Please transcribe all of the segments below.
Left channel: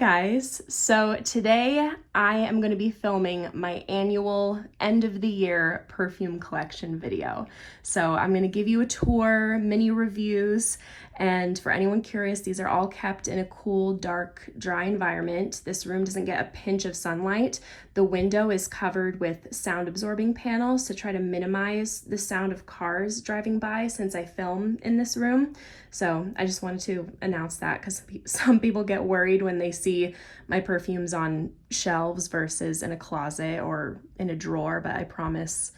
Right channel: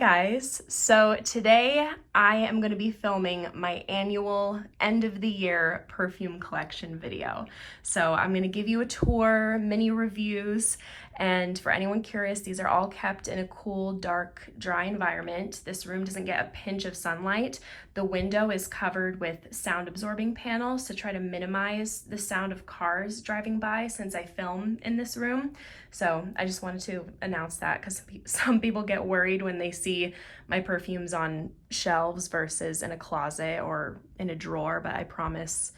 guys, so today I am going to be filming my annual end of the year perfume collection video. So I'm going to give you a tour, mini reviews, and for anyone curious, these are all kept in a cool, dark, dry environment. This room doesn't get a pinch of sunlight. The window is covered with sound absorbing panels to try to minimize the sound of cars driving by since I film in this room. So I just wanted to announce that because some people get worried when they see my perfumes on shelves versus in a closet or in a drawer, but I promise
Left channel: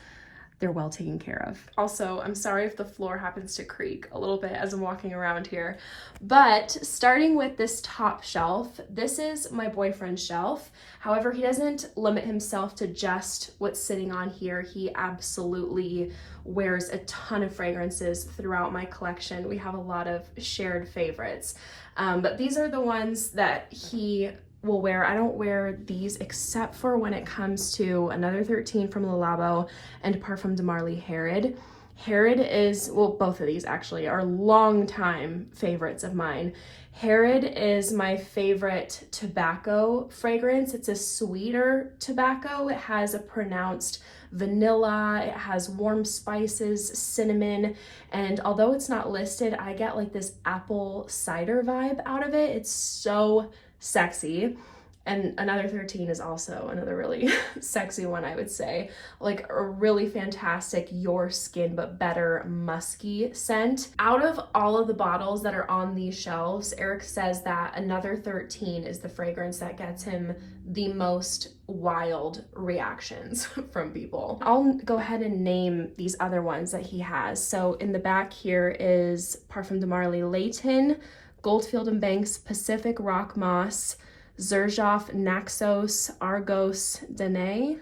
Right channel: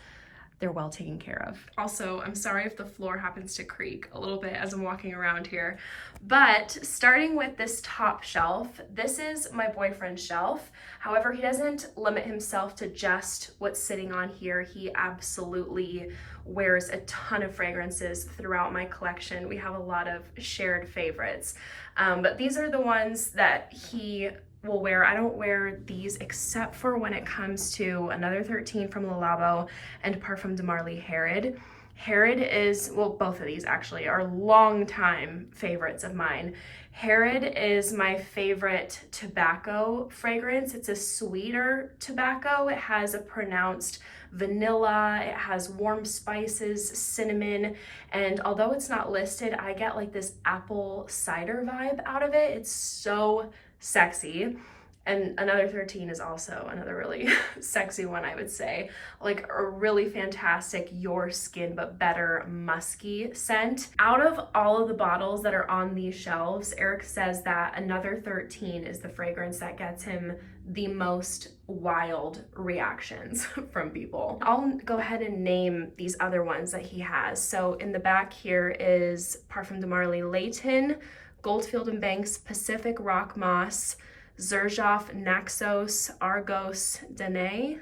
they're well taken care of. Also, I'm sorry if the floor happens to creak a little bit as I'm walking around here, but starting with this top shelf, this is my boyfriend's shelf. However, he doesn't limit himself to just what's sitting on here. He absolutely wears a ton of fragrances throughout my collection. We have a lot of shared favorites, but these are the ones that he will wear. I don't wear these except for when it comes to Another 13 from Le Labo and Parfum de Marly Herod. Herod is, well, both of these actually are longtime favorites of mine. Herod is my favorite tobacco fragrance. It's a sweeter tobacco. It has a pronounced vanilla, it has warm spices, cinnamon, and although it's not listed, I get like this apple cider vibe out of it. It's so sexy. And Another 13 is also another really sexy one, I would say. Like a really fantastic your skin but better musky scent. Out of all of the bottles that are on these shelves, Eric says that Another 13 is the fragrance that gets him the most wild reactions from people. I'll go ahead and name these other ones that he has. So in the back here is Parfum de Marly Layton, Goldfield and Banks Pacific Rock Moss, Zaharoff Naxos Argos Danae,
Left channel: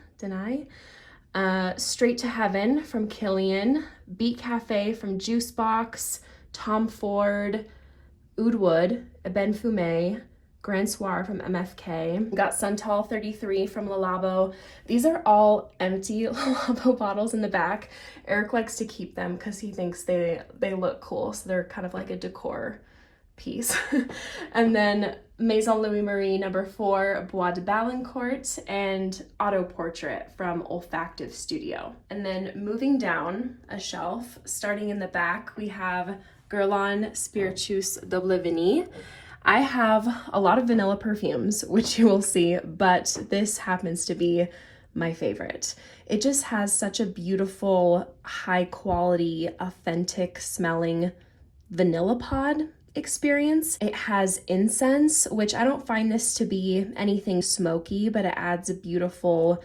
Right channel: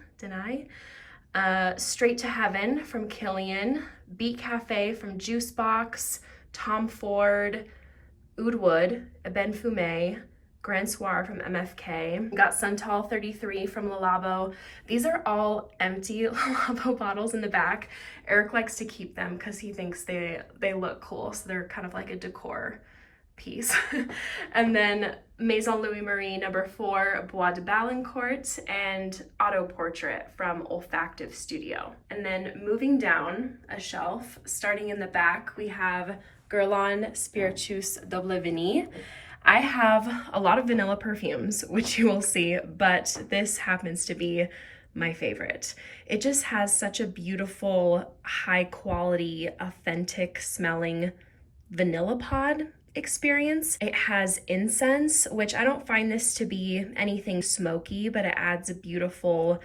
Straight to Heaven from Killian, Beat Cafe from Juicebox, Tom Ford, Oud Wood, Ben Fumé, Grand Soir from MFK. We got Santal 33 from Le Labo. These are all empty Le Labo bottles in the back. Eric likes to keep them because he thinks they look cool, so they're kind of like a decor piece. And then Maison Louis Marie number 4 Bois de Balancourt and Auto Portrait from Olfactive Studio. And then moving down a shelf, starting in the back, we have Guerlain Spiritueuse Double Vanille. I have a lot of vanilla perfumes, which you will see, but this happens to be my favorite. It just has such a beautiful, high quality, authentic smelling vanilla pod experience. It has incense, which I don't find this to be anything smoky, but it adds a beautiful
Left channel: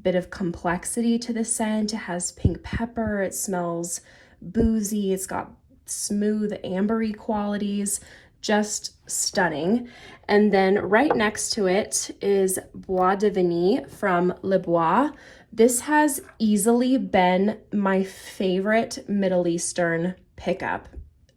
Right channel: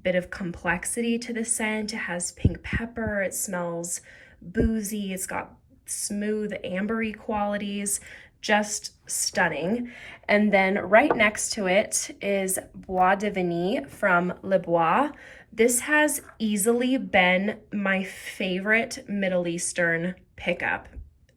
bit of complexity to the scent. It has pink pepper, it smells boozy, it's got smooth ambery qualities, just stunning. And then right next to it is Bois de Vanille from Le Bois. This has easily been my favorite Middle Eastern pickup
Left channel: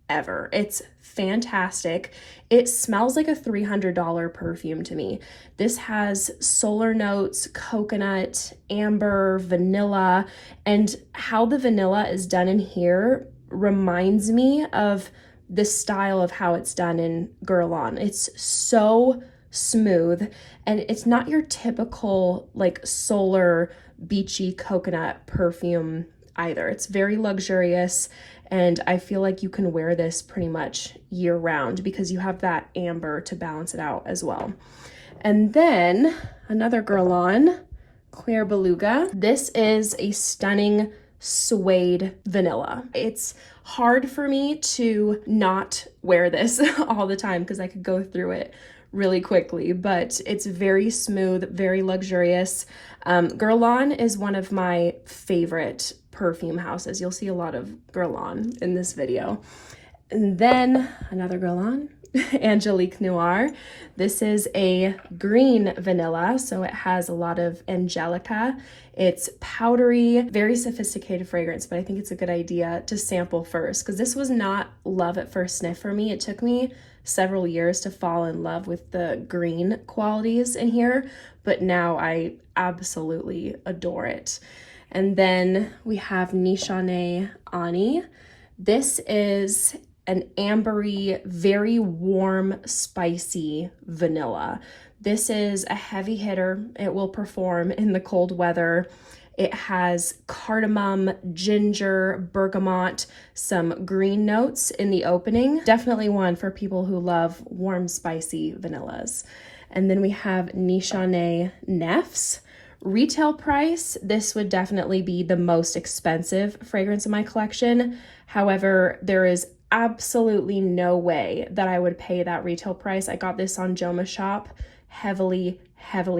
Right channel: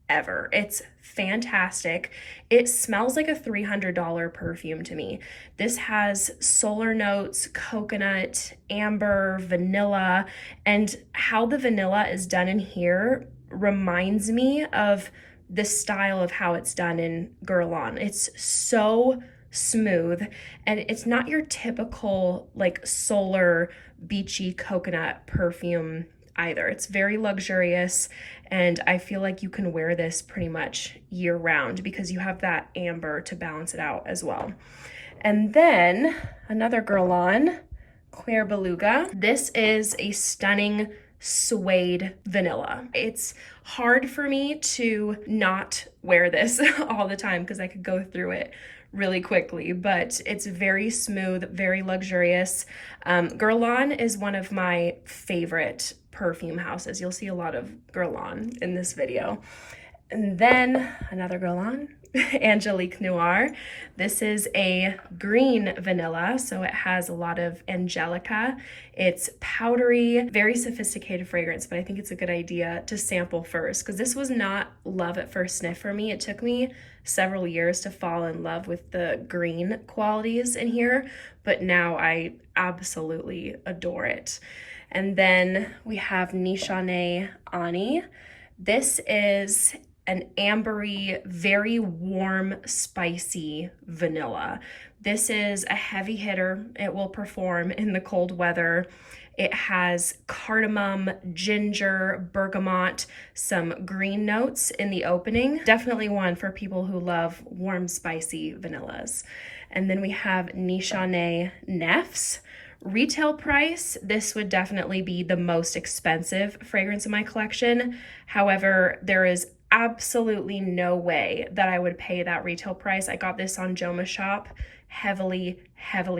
ever. It's fantastic. It smells like a $300 perfume to me. This has solar notes, coconut, amber, vanilla, and how the vanilla is done in here reminds me of the style of how it's done in Guerlain. It's so smooth, and it's not your typical like solar beachy coconut perfume either. It's very luxurious, and I feel like you can wear this pretty much year round because you have that amber to balance it out as well. And then another Guerlain, Claire Beluga. This is a stunning suede vanilla. It's hard for me to not wear this all the time because I could go through it really quickly, but it's very smooth, very luxurious. Guerlain is one of my favorite perfume houses. You'll see a lot of Guerlain in this video. And then another Guerlain, Angelique Noir. This is a green vanilla, so it has a lot of angelica. It's powdery, very sophisticated fragrance, but I think it's a good idea to sample first because this was not love at first sniff for me. It took me several years to fall in love with the green qualities in here, but now I absolutely adore it. And then we have Nichane Ah-nuh. This is an ambery, very warm, spicy vanilla. This is a heavy hitter. It will perform in the cold weather. It has cardamom, ginger, bergamot, some green notes in the opening. Definitely one for people who love warm, spicy vanillas. And then we have Nichane Nefs. Retail price, this would definitely be the most expensive fragrance in my collection. However, there is absolutely no way that I would pay that retail price. I got this on Joma Shop, heavily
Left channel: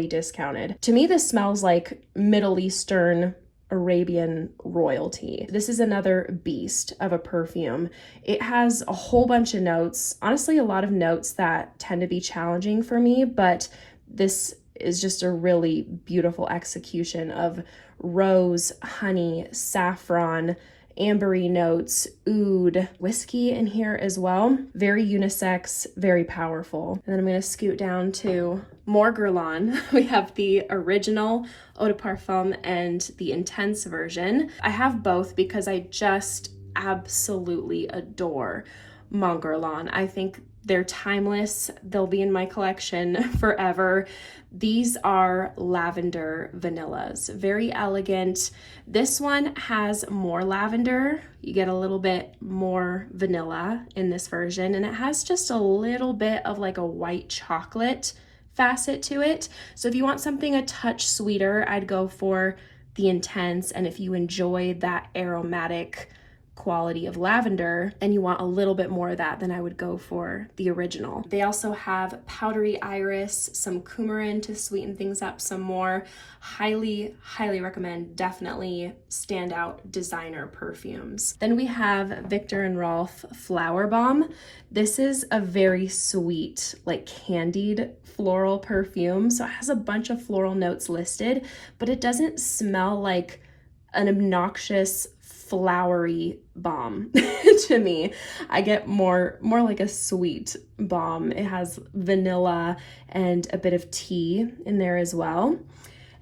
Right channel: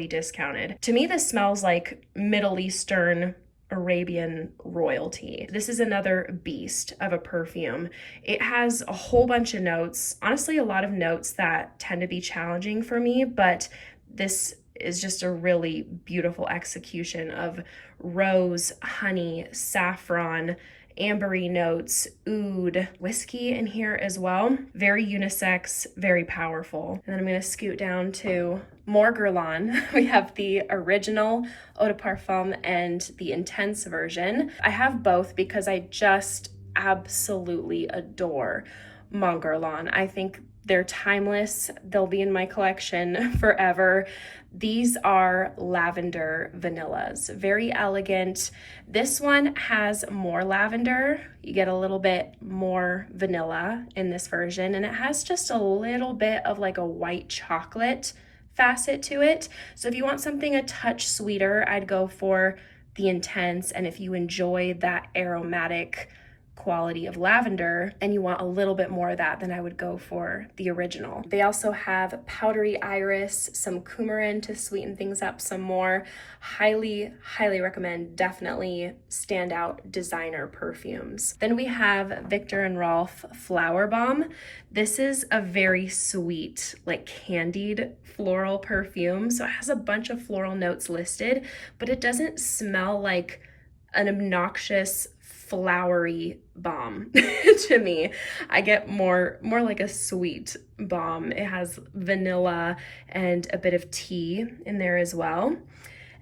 discounted. To me, this smells like Middle Eastern Arabian royalty. This is another beast of a perfume. It has a whole bunch of notes, honestly, a lot of notes that tend to be challenging for me, but this is just a really beautiful execution of rose, honey, saffron, ambery notes, oud, whiskey in here as well. Very unisex, very powerful. And then I'm gonna scoot down to more Guerlain. We have the original Eau de Parfum and the intense version. I have both because I just absolutely adore Mon Guerlain. I think they're timeless. They'll be in my collection forever. These are lavender vanillas, very elegant. This one has more lavender. You get a little bit more vanilla in this version, and it has just a little bit of like a white chocolate facet to it. So if you want something a touch sweeter, I'd go for the intense. And if you enjoy that aromatic quality of lavender and you want a little bit more of that, then I would go for the original. They also have powdery iris, some coumarin to sweeten things up some more. Highly recommend. Definitely standout designer perfumes. Then we have Viktor and Rolf Flower Bomb. This is a very sweet, like candied floral perfume. So it has a bunch of floral notes listed, but it doesn't smell like an obnoxious flowery bomb to me. I get more like a sweet bomb. It has vanilla and a bit of tea in there as well.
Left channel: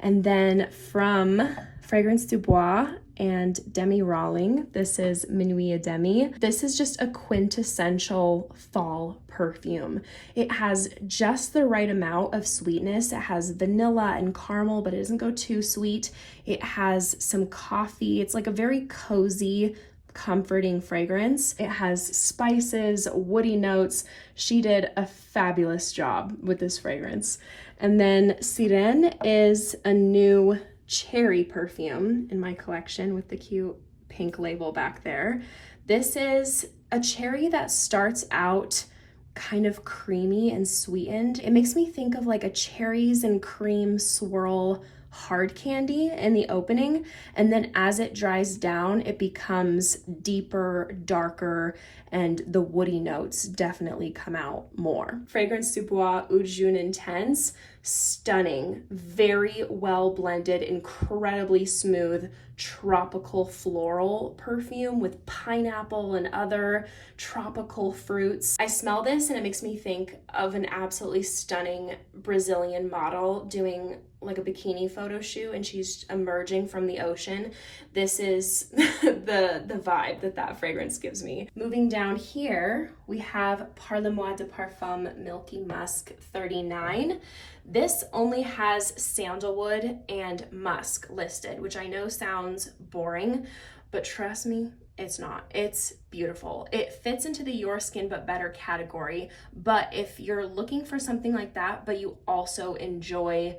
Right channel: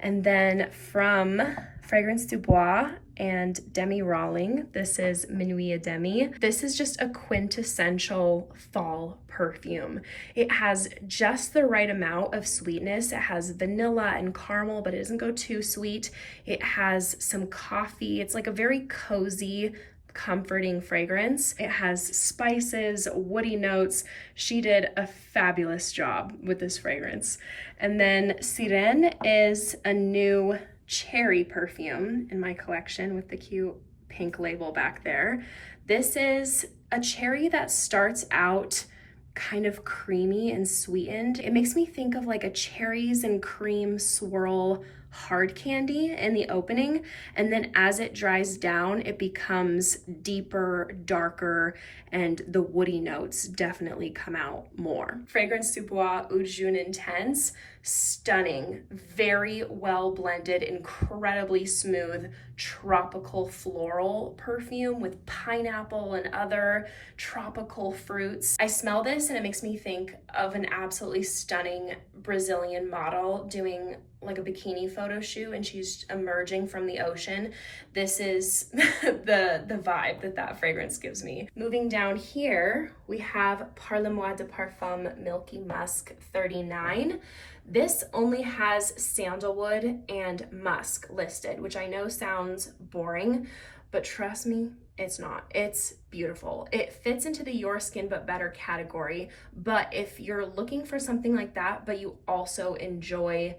And then from Fragrance du Bois and Demi Rawling, this is Minuit et Demi. This is just a quintessential fall perfume. It has just the right amount of sweetness. It has vanilla and caramel, but it doesn't go too sweet. It has some coffee. It's like a very cozy, comforting fragrance. It has spices, woody notes. She did a fabulous job with this fragrance. And then Sirène is a new cherry perfume in my collection with the cute pink label back there. This is a cherry that starts out kind of creamy and sweetened. It makes me think of like a cherries and cream swirl hard candy in the opening, and then as it dries down, it becomes deeper, darker, and the woody notes definitely come out more. Fragrance du Bois Eau de Jaune Intense, stunning, very well blended, incredibly smooth, tropical floral perfume with pineapple and other tropical fruits. I smell this and it makes me think of an absolutely stunning Brazilian model doing like a bikini photo shoot and she's emerging from the ocean. This is the vibe that fragrance gives me. Moving down here, we have Parle-moi de Parfum Milky Musk 39. This only has sandalwood and musk listed, which I know sounds boring, but trust me, it's not. It's beautiful. It fits into the Your Skin But Better category, but if you're looking for something like that, but you also enjoy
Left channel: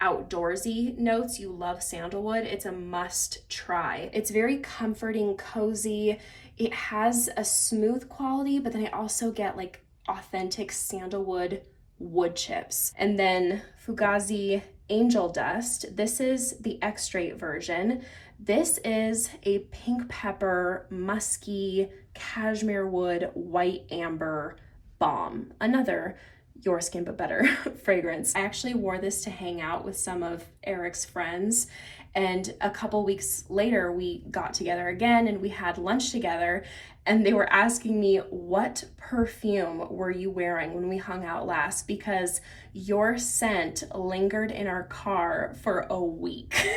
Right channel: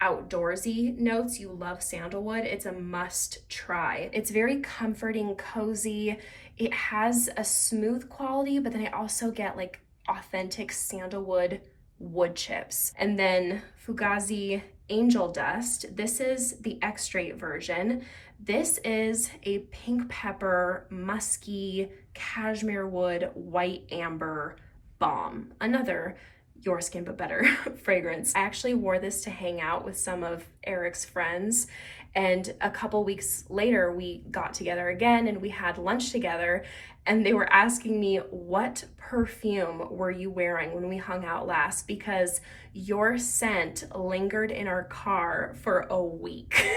outdoorsy notes, you love sandalwood, it's a must try. It's very comforting, cozy. It has a smooth quality, but then I also get like authentic sandalwood wood chips. And then Fugazi Angel Dust. This is the extrait version. This is a pink pepper, musky, cashmere wood, white amber bomb. Another Your Skin But Better fragrance. I actually wore this to hang out with some of Eric's friends, And a couple weeks later, we got together again and we had lunch together. And they were asking me, what perfume were you wearing when we hung out last? Because your scent lingered in our car for a week.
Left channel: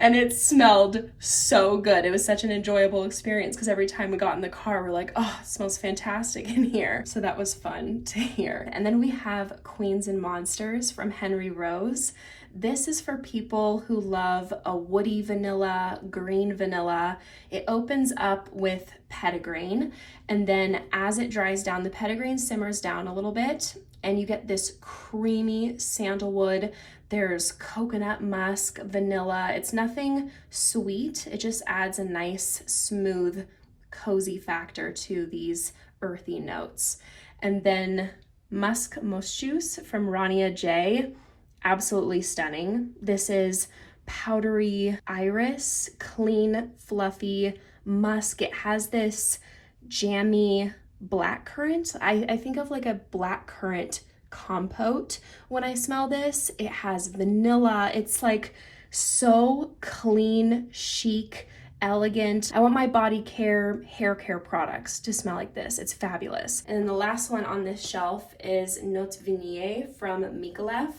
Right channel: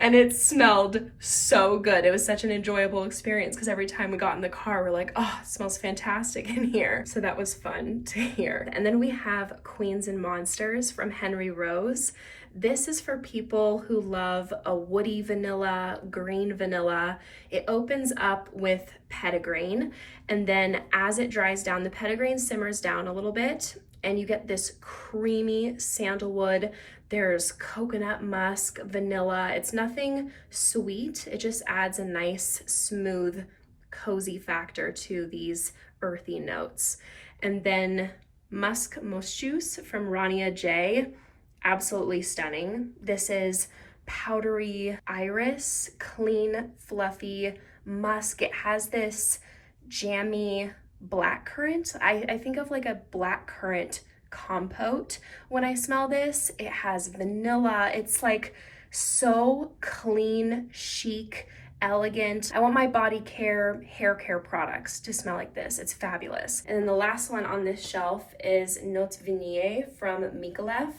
And it smelled so good. It was such an enjoyable experience because every time we got in the car, we're like, oh, it smells fantastic in here. So that was fun to hear. And then we have Queens and Monsters from Henry Rose. This is for people who love a woody vanilla, green vanilla. It opens up with petitgrain, and then as it dries down, the petitgrain simmers down a little bit, and you get this creamy sandalwood. There's coconut musk, vanilla. It's nothing sweet. It just adds a nice, smooth, cozy factor to these earthy notes. And then Musk Moschus from Rania J. Absolutely stunning. This is powdery iris, clean, fluffy musk. It has this jammy blackcurrant. I think of like a blackcurrant compote when I smell this. It has vanilla. It's like so clean, chic, elegant. I want my body care, hair care products to smell like this. It's fabulous. And then the last one on this shelf is Note Vanille from Mikolev.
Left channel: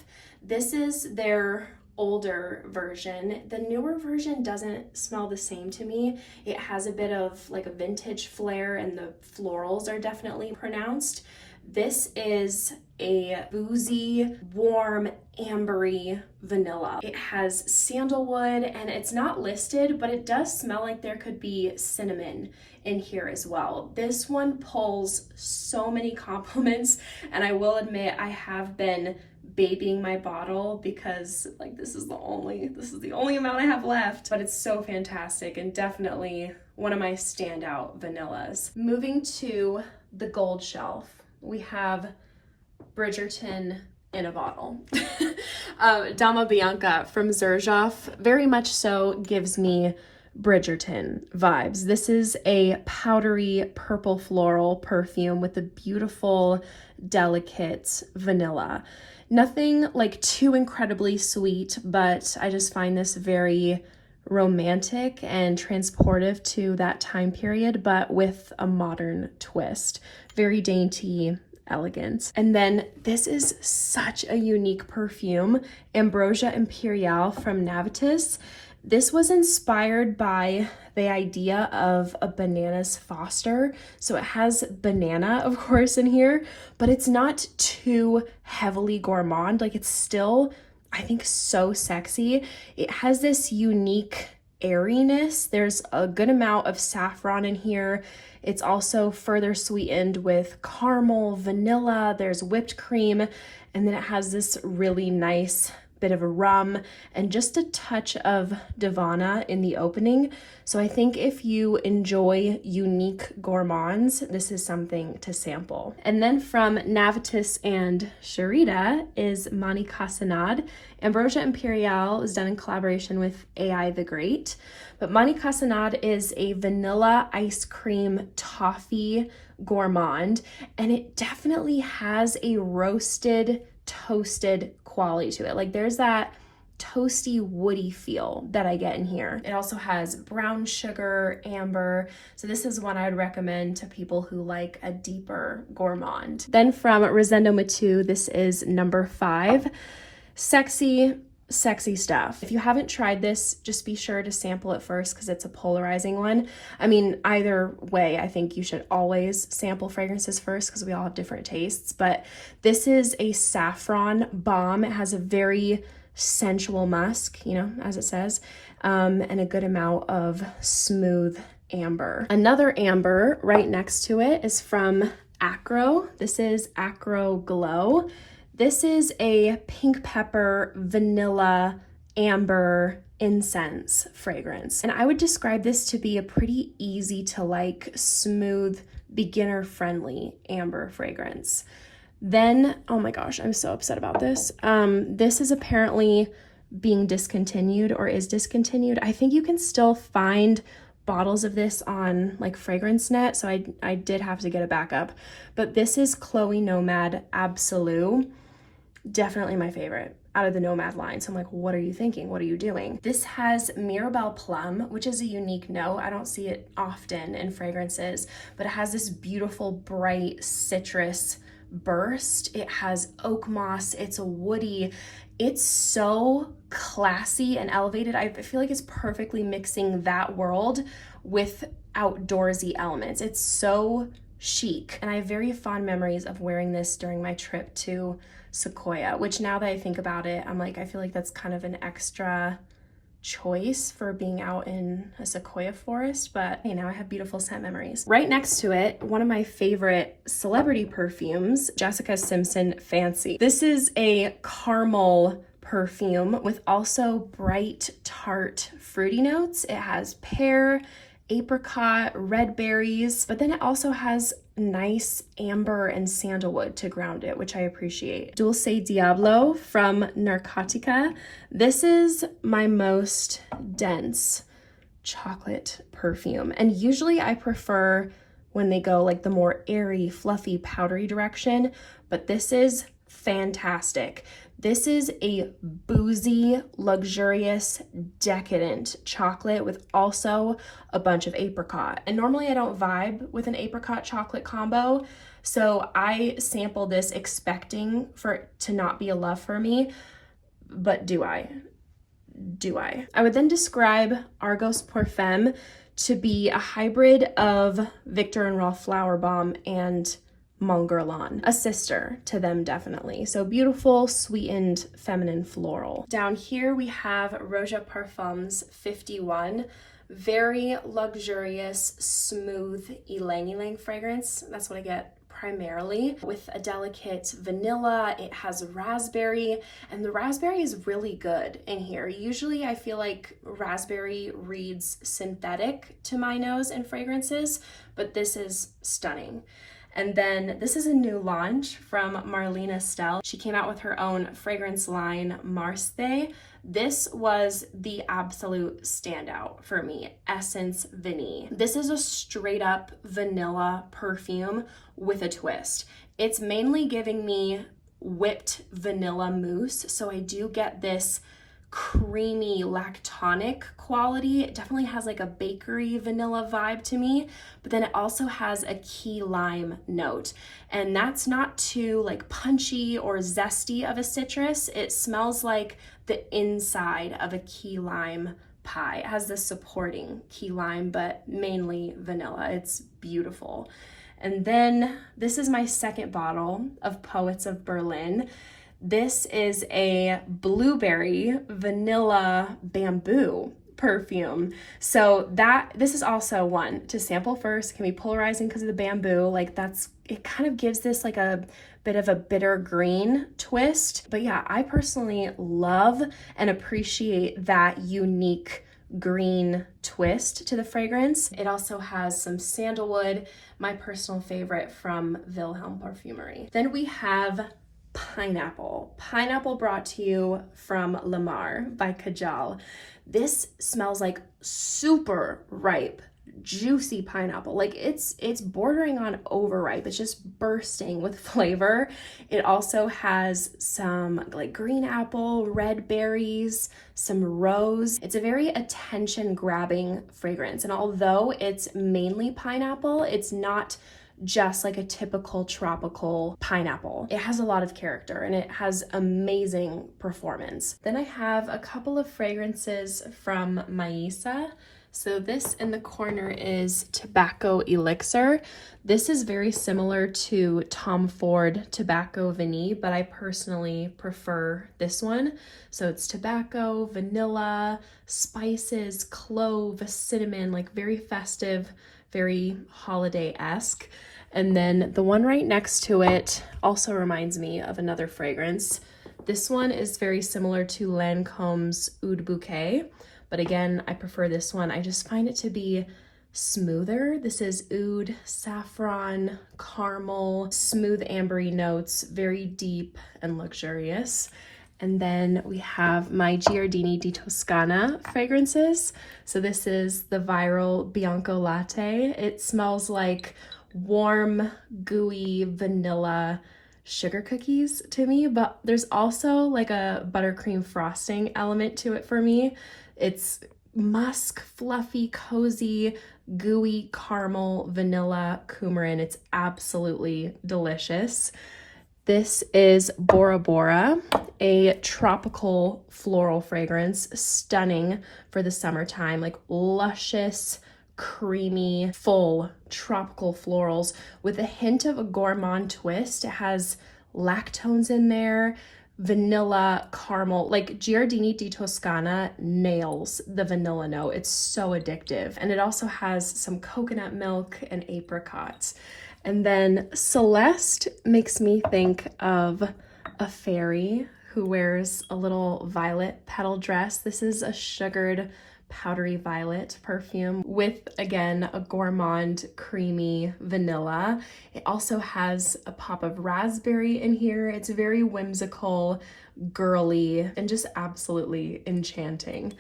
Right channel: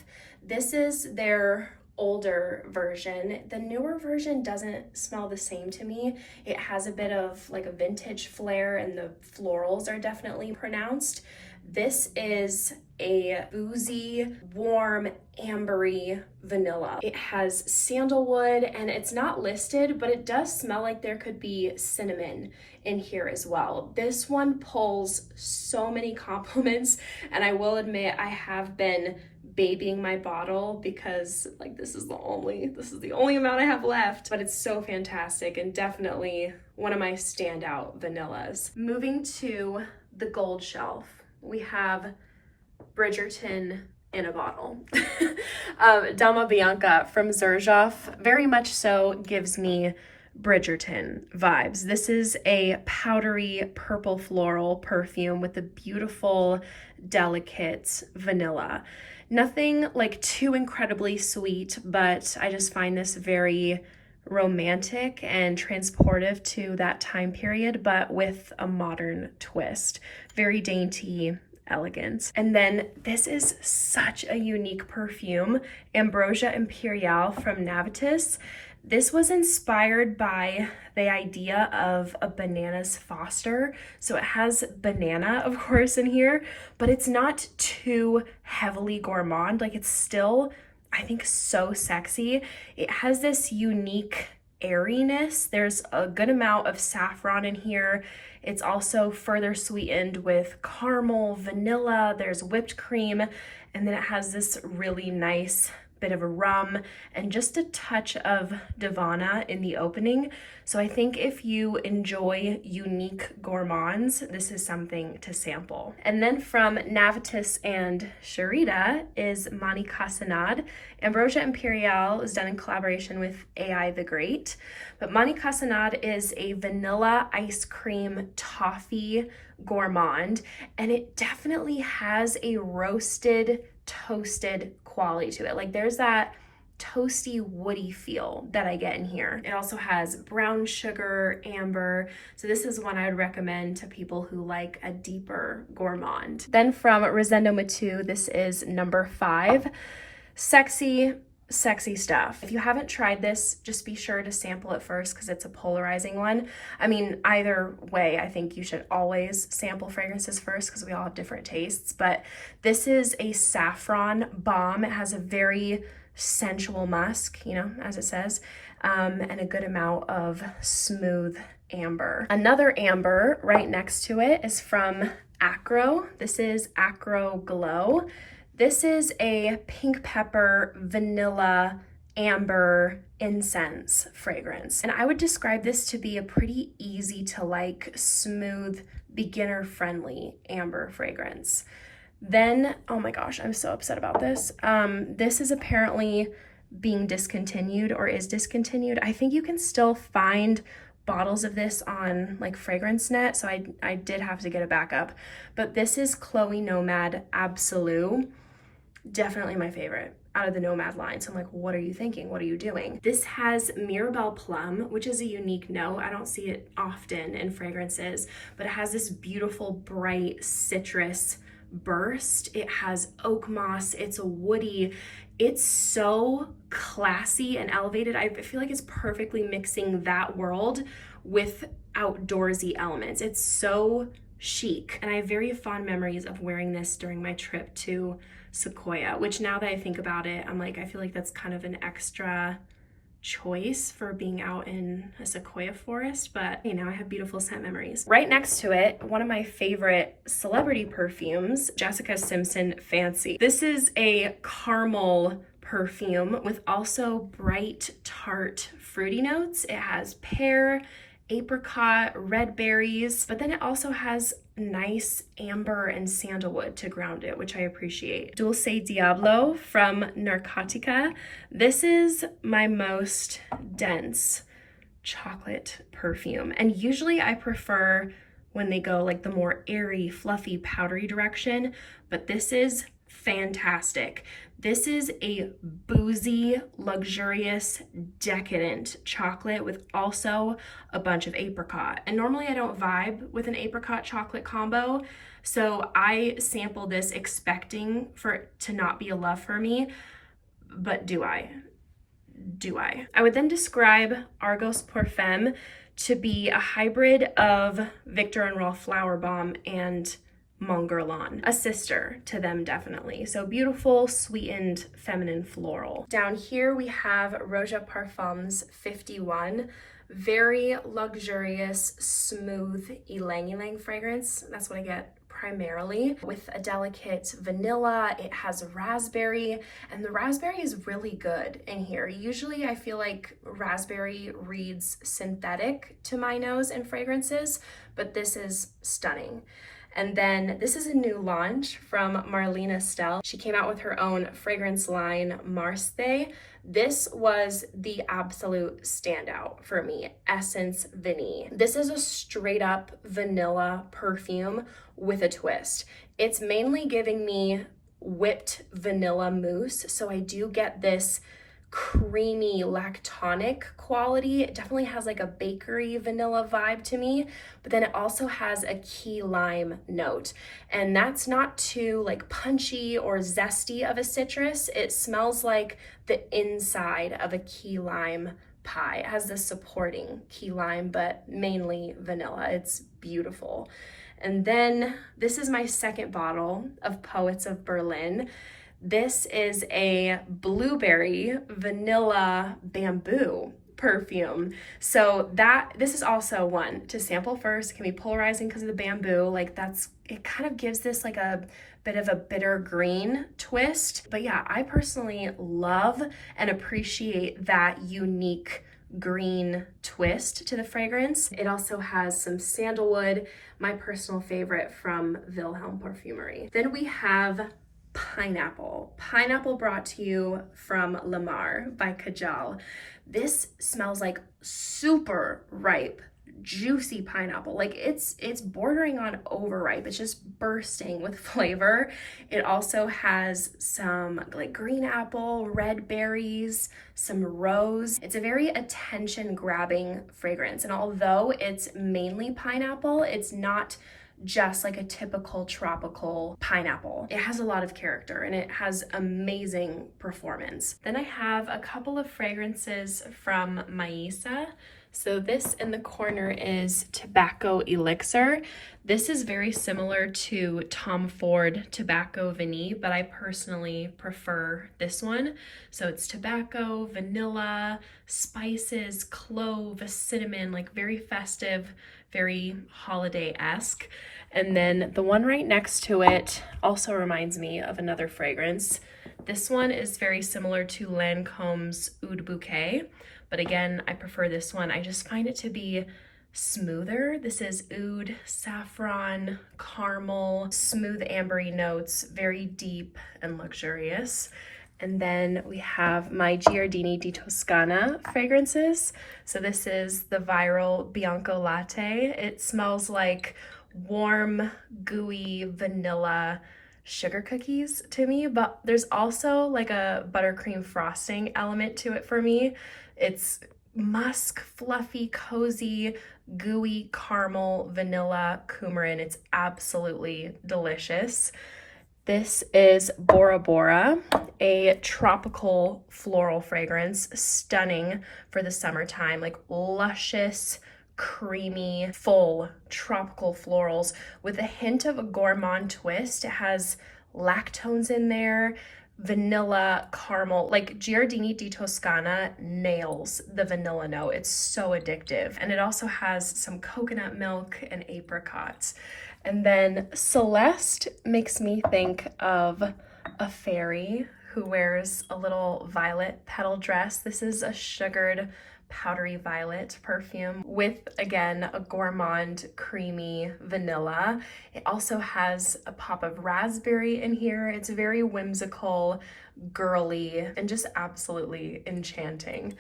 This is their older version. The newer version doesn't smell the same to me. It has a bit of like a vintage flair and the florals are definitely pronounced. This is a boozy, warm, ambery vanilla. It has sandalwood and it's not listed, but it does smell like there could be cinnamon in here as well. This one pulls so many compliments, and I will admit I have been babying my bottle because like this is the only amount I have left, but it's so fantastic and definitely one of my standout vanillas. Moving to the gold shelf, we have Bridgerton in a bottle. Dama Bianca from Zaharoff very much so gives me Bridgerton vibes. This is a powdery purple floral perfume with a beautiful, delicate vanilla. Nothing like too incredibly sweet, but I just find this very romantic and transportive to that time period, but with a modern twist. Very dainty, elegant. And then this is such a unique perfume, Ambrosia Imperiale from Navitus. This was inspired by the idea of a bananas foster. So it has banana, of course, in here, but it's not too heavily gourmand. Like it's still, I think, so sexy. It has this unique airiness. There's a good amount of saffron in here. It's also further sweetened with caramel, vanilla, there's whipped cream, and then it has this really nice bit of a rum and just a touch of Divana in the opening. So I think if you enjoy unique gourmands, this is something to sample. And then from Navitus and Sharita is Mani Casanad. Ambrosia Imperiale is done in collaboration with AI the Great, but Mani Casanad is a vanilla ice cream toffee gourmand, and it definitely has a roasted, toasted quality to it. Like there's that toasty, woody feel that I get in here. It also has brown sugar, amber. So this is one I would recommend to people who like a deeper gourmand. Then from Rosendo Matu, this is number 5. Sexy stuff. If you haven't tried this, just be sure to sample it first because it's a polarizing one. I mean, either way, I think you should always sample fragrances first because we all have different tastes, but this is a saffron bomb. It has a very sensual musk, you know, as it says, and a good amount of smooth amber. Another amber right next to it is from Acro. This is Acro Glow. This is a pink pepper, vanilla, amber incense fragrance. And I would describe this to be a pretty easy to like, smooth, beginner-friendly amber fragrance. Then, oh my gosh, I'm so upset about this. This is apparently being discontinued or is discontinued. I think you can still find bottles of this on like FragranceNet, so I did have to get a backup. But this is Chloe Nomad Absolute. Definitely my favorite out of the Nomad line. So I'm like, what are you thinking? What are you doing? This has Mirabelle Plum, which is a unique note. I don't see it often in fragrances, but it has this beautiful, bright citrus burst. It has oak moss. It's woody. It's so classy and elevated. I feel like it's perfectly mixing that world with outdoorsy elements. It's so chic. And I have very fond memories of wearing this during my trip to Sequoia, which now that I think about it, I'm like, I feel like that's kind of an extra choice for being out in a sequoia forest, but you know, I have beautiful scent memories. Right next to it, one of my favorite celebrity perfumes, Jessica Simpson Fancy. This is a caramel perfume with also bright, tart, fruity notes. It has pear, apricot, red berries, but then it also has nice amber and sandalwood to ground it, which I appreciate. Dulce Diablo from Narcotica. This is my most dense chocolate perfume, and usually I prefer when they go like the more airy, fluffy, powdery direction, but this is fantastic. This is a boozy, luxurious, decadent chocolate with also a bunch of apricot. And normally I don't vibe with an apricot chocolate combo, so I sample this expecting for it to not be a love for me, but do I? Do I? I would then describe Argos Parfum to be a hybrid of Victor and Rolf Flower Bomb and Mon Guerlain, a sister to them definitely. So beautiful, sweetened, feminine floral. Down here we have Roja Parfums 51, very luxurious, smooth ylang ylang fragrance. That's what I get primarily, with a delicate vanilla. It has raspberry, and the raspberry is really good in here. Usually I feel like raspberry reads synthetic to my nose in fragrances, but this is stunning. And then this is a new launch from Marlene Estelle. She came out with her own fragrance line, Marste. This was the absolute standout for me, Essence Vanille. This is a straight up vanilla perfume with a twist. It's mainly giving me whipped vanilla mousse, so I do get this creamy lactonic quality. It definitely has like a bakery vanilla vibe to me, but then it also has a key lime note, and that's not too like punchy or zesty of a citrus. It smells like the inside of a key lime pie. It has the supporting key lime, but mainly vanilla. It's beautiful. And then this is my second bottle of Poets of Berlin. This is a blueberry vanilla bamboo perfume. So this is also one to sample first. It can be polarizing because of the bamboo. Like it kind of gives this like a bit of a bitter green twist. But yeah, I personally love and appreciate that unique green twist to the fragrance. It also has some sandalwood, my personal favorite from Wilhelm Parfumerie. Then we have Pineapple. Pineapple brought to you from Lamar by Kajal. This smells like super ripe, juicy pineapple. Like it's bordering on overripe. It's just bursting with flavor. It also has some like green apple, red berries, some rose. It's a very attention grabbing fragrance. And although it's mainly pineapple, it's not just like a typical tropical pineapple. It has a lot of character and it has amazing performance. Then I have a couple of fragrances from Maisa. So this in the corner is Tobacco Elixir. This is very similar to Tom Ford Tobacco Vanille, but I personally prefer this one. So it's tobacco, vanilla, spices, clove, cinnamon, like very festive, very holiday-esque. And then the one right next to it also reminds me of another fragrance. This one is very similar to Lancome's Oud Bouquet, but again, I prefer this one. I just find it to be smoother. This is oud, saffron, caramel, smooth ambery notes, very deep and luxurious. And then we have my Giardini di Toscana fragrances. So this is the viral Bianco Latte. It smells like warm, gooey vanilla sugar cookies to me, but there's also like a buttercream frosting element to it for me. It's musk, fluffy, cozy, gooey caramel, vanilla, coumarin. It's absolutely delicious. This is Bora Bora, a tropical floral fragrance, stunning for the summertime, like luscious, creamy, full tropical florals with a hint of a gourmand twist. It has lactones in there, vanilla, caramel, like Giardini di Toscana nails the vanilla note. It's so addictive. And it also has some coconut milk and apricots. And then Celeste makes me think of a fairy who wears a little violet petal dress. This is a sugared powdery violet perfume with, again, a gourmand creamy vanilla. It also has a pop of raspberry in here. It's very whimsical, girly, and just absolutely enchanting.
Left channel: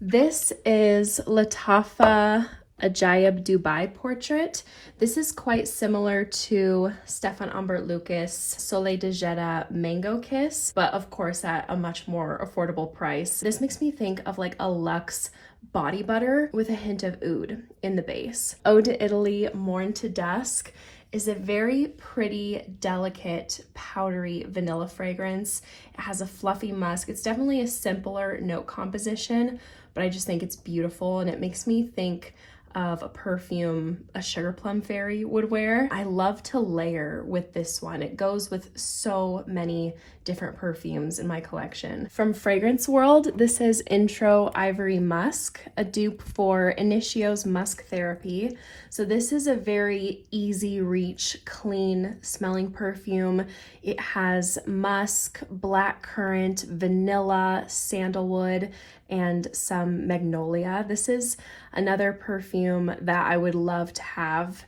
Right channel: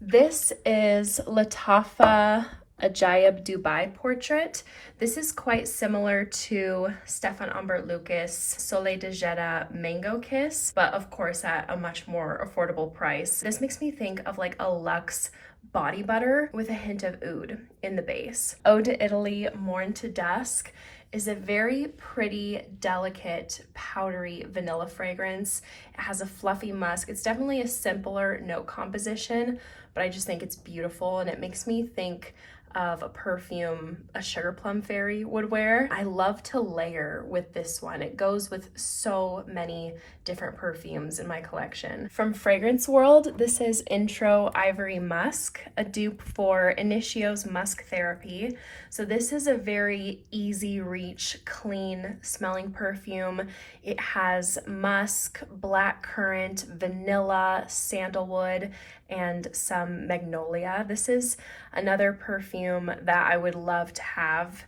This is Lattafa Ajaib Dubai portrait. This is quite similar to Stefan Humbert Lucas Soleil de Jeddah Mango Kiss, but of course at a much more affordable price. This makes me think of like a luxe body butter with a hint of oud in the base. Eau de Italy Morn to Dusk is a very pretty, delicate, powdery vanilla fragrance. It has a fluffy musk. It's definitely a simpler note composition, but I just think it's beautiful and it makes me think of a perfume a sugar plum fairy would wear. I love to layer with this one. It goes with so many different perfumes in my collection. From Fragrance World, this is Intro Ivory Musk, a dupe for Initio's Musk Therapy. So this is a very easy reach, clean smelling perfume. It has musk, blackcurrant, vanilla, sandalwood, and some magnolia. This is another perfume that I would love to have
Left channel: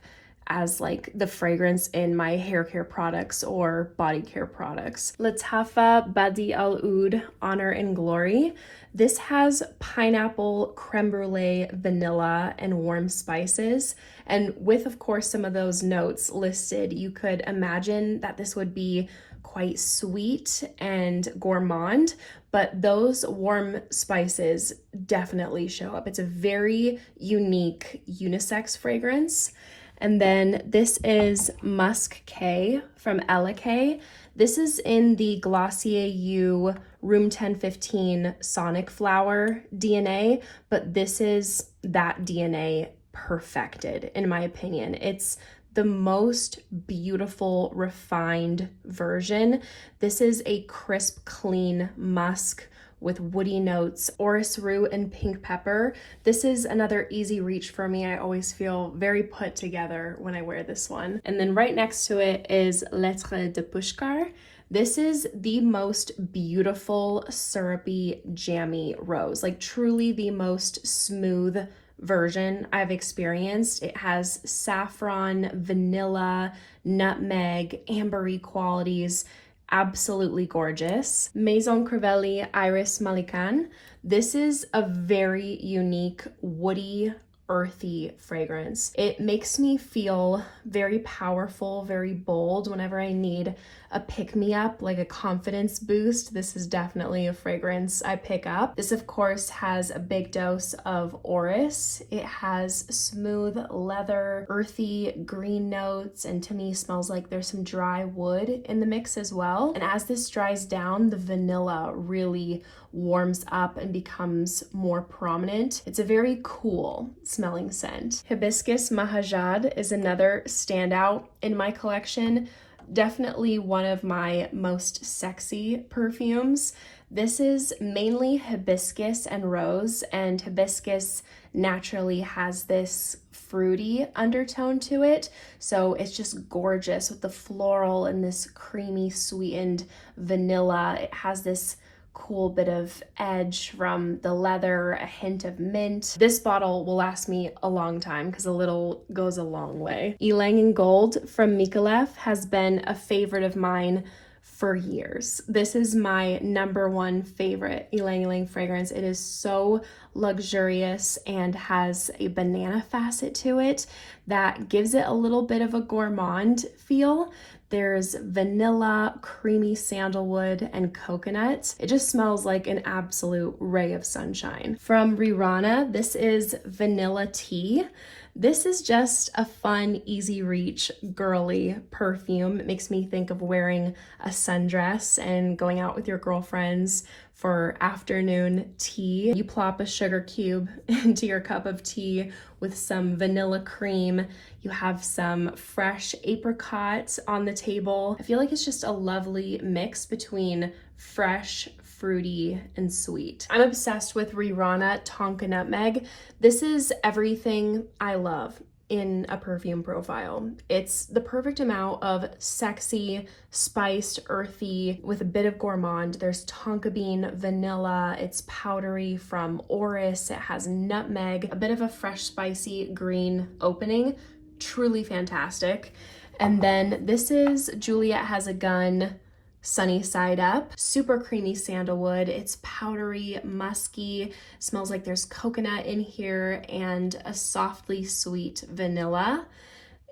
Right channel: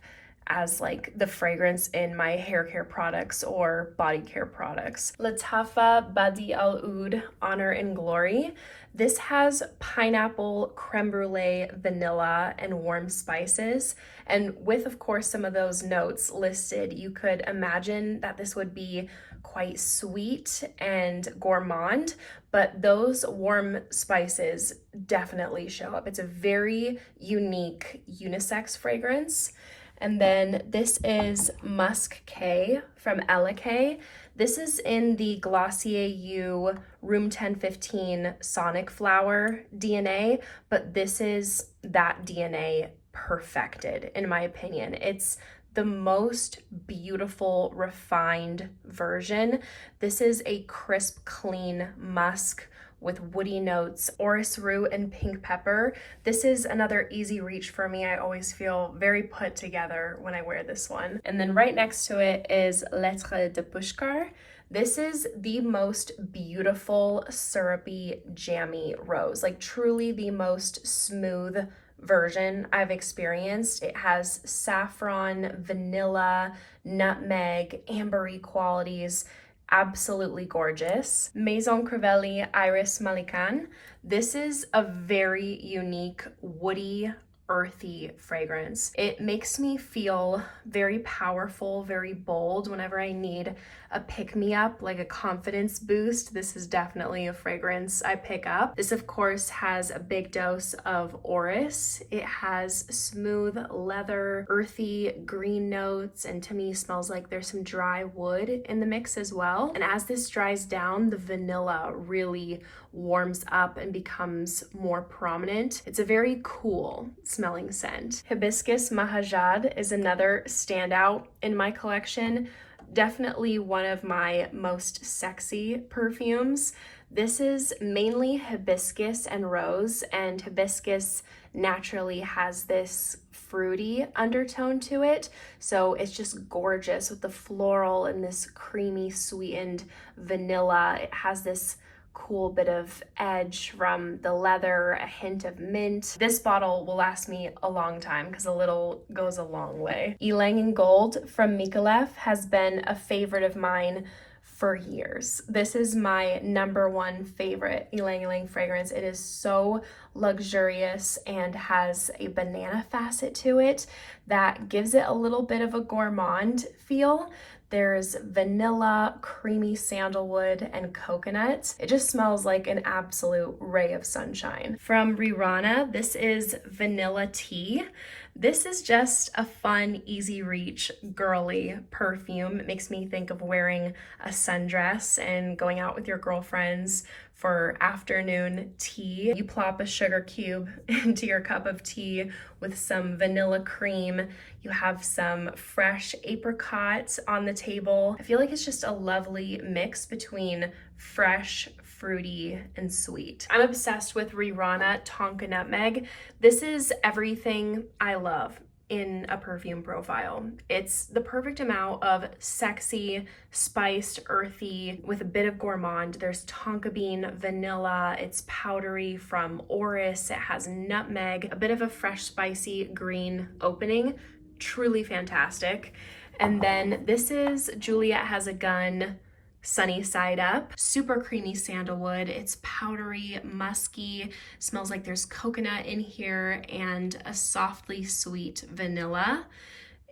as like the fragrance in my hair care products or body care products. Lattafa Badi Al Oud Honor and Glory. This has pineapple, creme brulee, vanilla, and warm spices. And with, of course, some of those notes listed, you could imagine that this would be quite sweet and gourmand, but those warm spices definitely show up. It's a very unique unisex fragrance. And then this is Musk K from Ella K. This is in the Glossier U Room 1015 Sonic Flower DNA, but this is that DNA perfected, in my opinion. It's the most beautiful, refined version. This is a crisp, clean musk with woody notes, orris root and pink pepper. This is another easy reach for me. I always feel very put together when I wear this one. And then right next to it is Lettre de Pushkar. This is the most beautiful, syrupy, jammy rose, like truly the most smooth version I've experienced. It has saffron, vanilla, nutmeg, ambery qualities. Absolutely gorgeous. Maison Crivelli Iris Malikan. This is a very unique, woody, earthy fragrance. It makes me feel very powerful, very bold whenever I need a pick-me-up, like a confidence boost. This is definitely a fragrance I pick up. This, of course, has a big dose of orris. It has smooth leather, earthy green notes, and to me smells like there's some dry wood in the mix as well. And as this dries down, the vanilla really warms up and becomes more prominent. It's a very cool smelling scent. Hibiscus Mahajad is another standout in my collection. Definitely one of my most sexy perfumes. This is mainly hibiscus and rose, and hibiscus naturally has this fruity undertone to it, so it's just gorgeous with the floral and this creamy sweetened vanilla. It has this cool bit of edge from the leather, a hint of mint. This bottle will last me a long time because a little goes a long way. Ylang in Gold from Mikolev has been a favorite of mine for years. This is my #1 favorite Ylang Ylang fragrance. It is so luxurious and has a banana facet to it that gives it a little bit of a gourmand feel. There's vanilla, creamy sandalwood, and coconut. It just smells like an absolute ray of sunshine. From Rirana, this is vanilla tea. This is just a fun, easy reach, girly perfume. It makes me think of wearing a sundress and going out with your girlfriends for afternoon tea. You plop a sugar cube into your cup of tea with some vanilla cream. You have some fresh apricot on the table. I feel like it's just a lovely mix between fresh, fruity, and sweet. I'm obsessed with Rirana Tonka Nutmeg. This is everything I love in a perfume profile. It's the perfect amount of sexy, spiced, earthy, with a bit of gourmand. There's tonka bean, vanilla, it's powdery from orris, it has nutmeg, a bit of a fresh, spicy green opening. Truly fantastic. And then this is Juliet Has a Gun Sunny Side Up. Super creamy sandalwood. It's powdery, musky, smells like there's coconut in here, and a softly sweet vanilla.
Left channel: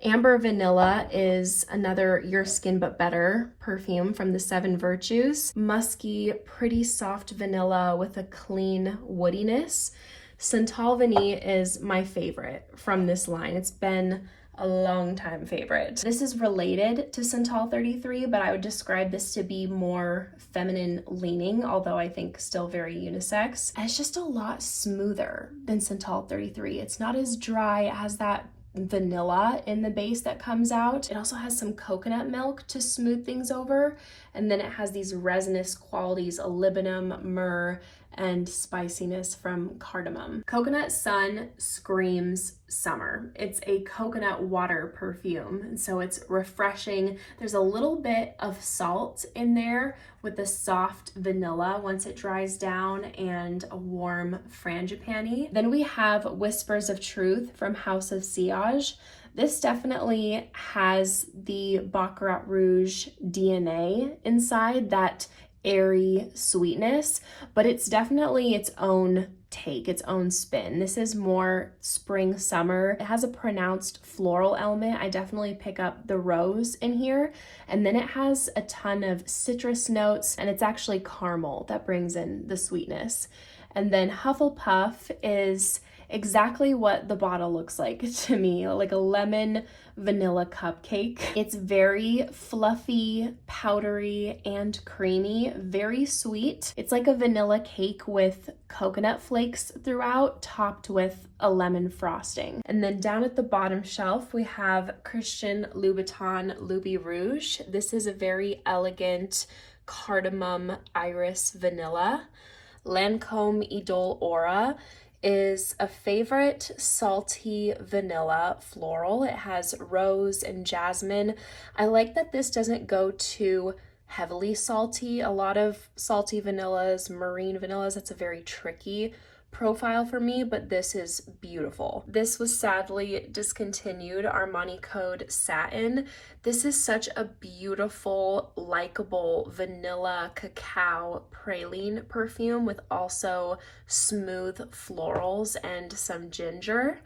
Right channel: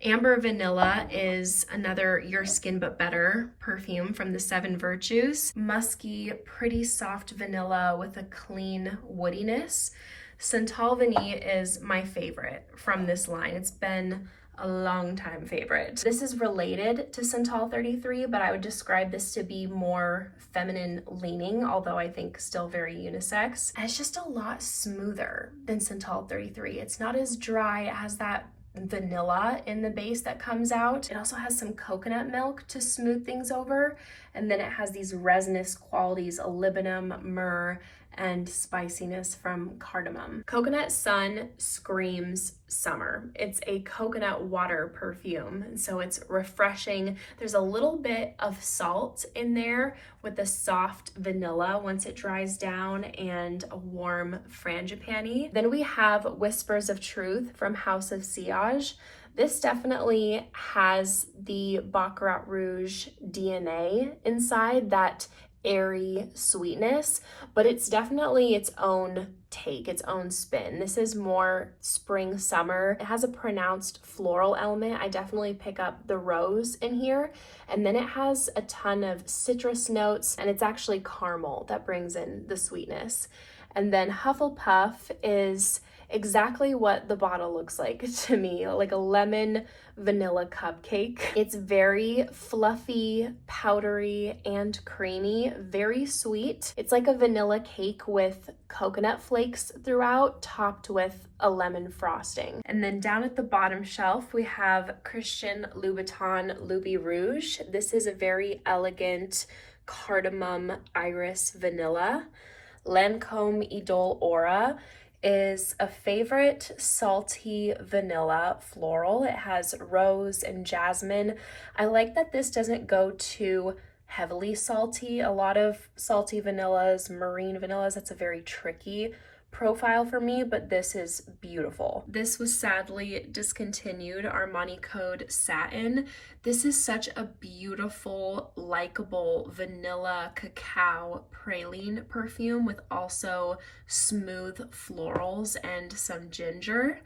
Amber Vanilla is another Your Skin But Better perfume from the 7 Virtues. Musky, pretty soft vanilla with a clean woodiness. Santal Vanille is my favorite from this line. It's been a long time favorite. This is related to Santal 33, but I would describe this to be more feminine leaning, although I think still very unisex. And it's just a lot smoother than Santal 33. It's not as dry. It has that vanilla in the base that comes out. It also has some coconut milk to smooth things over. And then it has these resinous qualities, molybdenum, myrrh, and spiciness from cardamom. Coconut Sun screams summer. It's a coconut water perfume, and so it's refreshing. There's a little bit of salt in there with the soft vanilla once it dries down, and a warm frangipani. Then we have Whispers of Truth from House of Sillage. This definitely has the Baccarat Rouge DNA inside, that airy sweetness, but it's definitely its own take, its own spin. This is more spring summer. It has a pronounced floral element. I definitely pick up the rose in here, and then it has a ton of citrus notes, and it's actually caramel that brings in the sweetness. And then Hufflepuff is exactly what the bottle looks like to me, like a lemon vanilla cupcake. It's very fluffy, powdery, and creamy, very sweet. It's like a vanilla cake with coconut flakes throughout, topped with a lemon frosting. And then down at the bottom shelf, we have Christian Louboutin Louis Rouge. This is a very elegant cardamom iris vanilla. Lancome Idole Aura is a favorite salty vanilla floral. It has rose and jasmine. I like that this doesn't go too heavily salty. A lot of salty vanillas, marine vanillas, that's a very tricky profile for me, but this is beautiful. This was sadly discontinued, Armani Code Satin. This is such a beautiful, likable vanilla cacao praline perfume with also smooth florals and some ginger.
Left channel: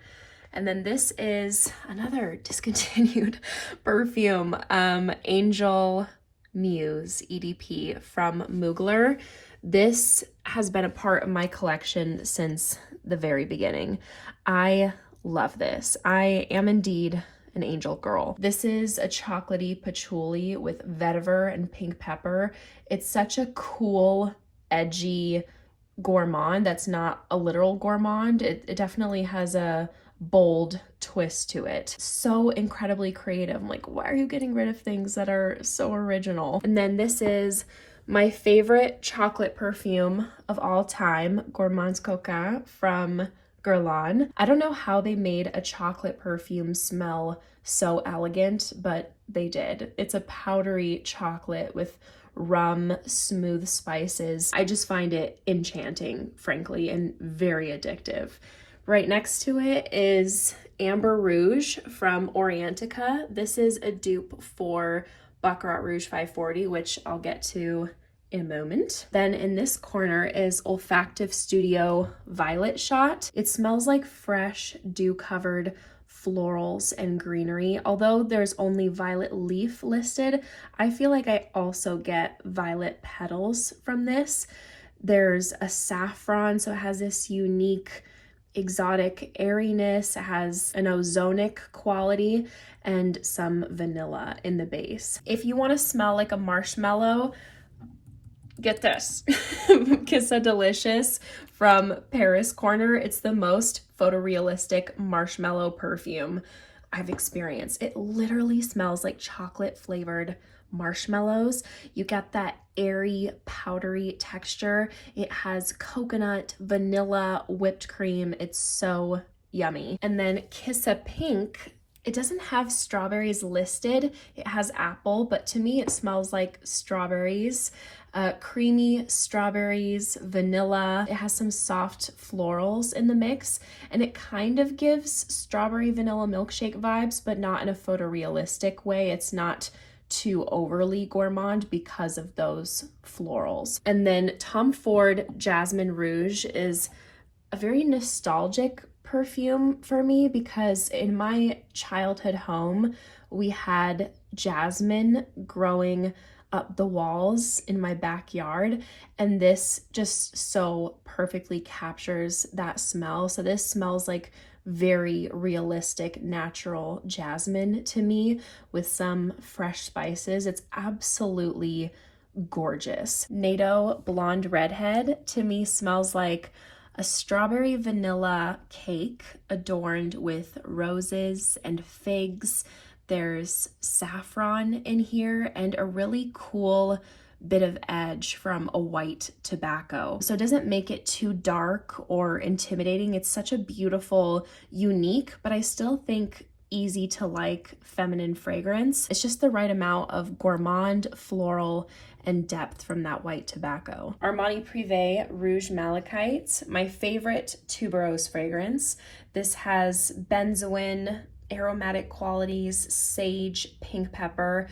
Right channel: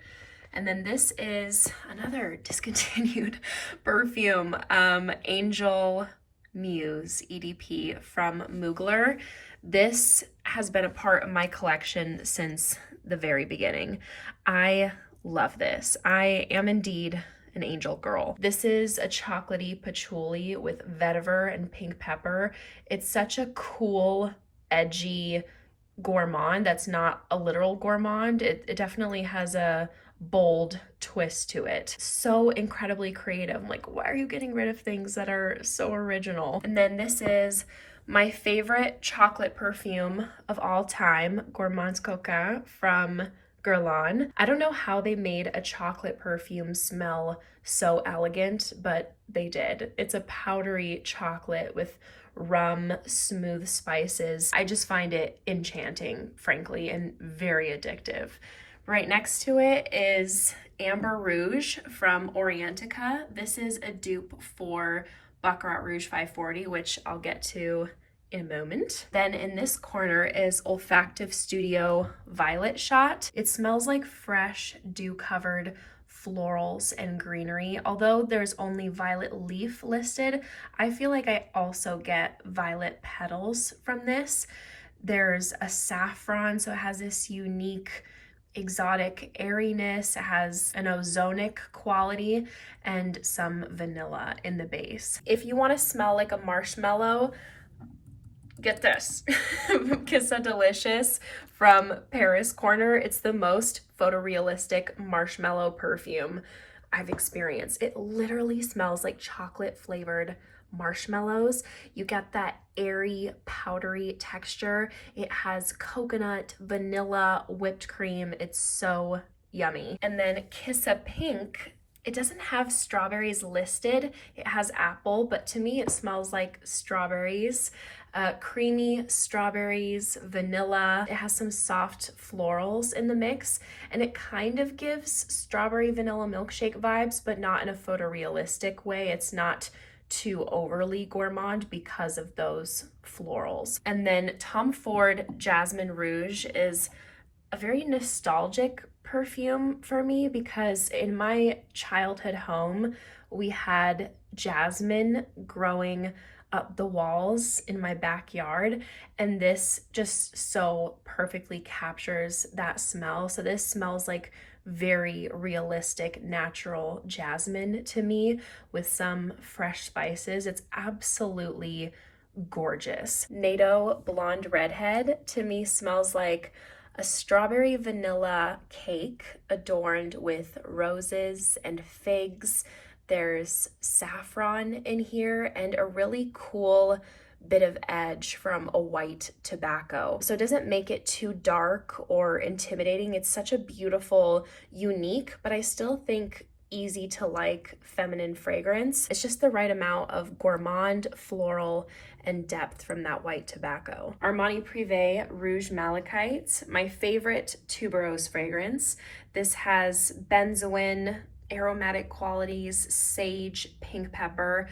And then this is another discontinued perfume, Angel Muse EDP from Mugler. This has been a part of my collection since the very beginning. I love this. I am indeed an angel girl. This is a chocolatey patchouli with vetiver and pink pepper. It's such a cool, edgy gourmand that's not a literal gourmand. It definitely has a bold twist to it. So incredibly creative. I'm like, why are you getting rid of things that are so original? And then this is my favorite chocolate perfume of all time, Gourmands Coquin from Guerlain. I don't know how they made a chocolate perfume smell so elegant, but they did. It's a powdery chocolate with rum, smooth spices. I just find it enchanting, frankly, and very addictive. Right next to it is Amber Rouge from Orientica. This is a dupe for Baccarat Rouge 540, which I'll get to in a moment. Then in this corner is Olfactive Studio Violet Shot. It smells like fresh, dew-covered florals and greenery. Although there's only violet leaf listed, I feel like I also get violet petals from this. There's a saffron, so it has this unique exotic airiness. It has an ozonic quality and some vanilla in the base. If you want to smell like a marshmallow, get this. Kiss So Delicious from Paris Corner. It's the most photorealistic marshmallow perfume I've experienced. It literally smells like chocolate flavored marshmallows. You get that airy, powdery texture. It has coconut, vanilla, whipped cream. It's so yummy. And then Kiss a Pink, it doesn't have strawberries listed. It has apple, but to me it smells like strawberries. Creamy strawberries, vanilla. It has some soft florals in the mix, and it kind of gives strawberry vanilla milkshake vibes, but not in a photorealistic way. It's not too overly gourmand because of those florals. And then Tom Ford Jasmine Rouge is a very nostalgic perfume for me because in my childhood home, we had jasmine growing up the walls in my backyard, and this just so perfectly captures that smell. So this smells like very realistic, natural jasmine to me with some fresh spices. It's absolutely gorgeous. NATO Blonde Redhead to me smells like a strawberry vanilla cake adorned with roses and figs. There's saffron in here and a really cool bit of edge from a white tobacco. So it doesn't make it too dark or intimidating. It's such a beautiful, unique, but I still think easy to like feminine fragrance. It's just the right amount of gourmand, floral, and depth from that white tobacco. Armani Privé Rouge Malachite, my favorite tuberose fragrance. This has benzoin, aromatic qualities, sage, pink pepper,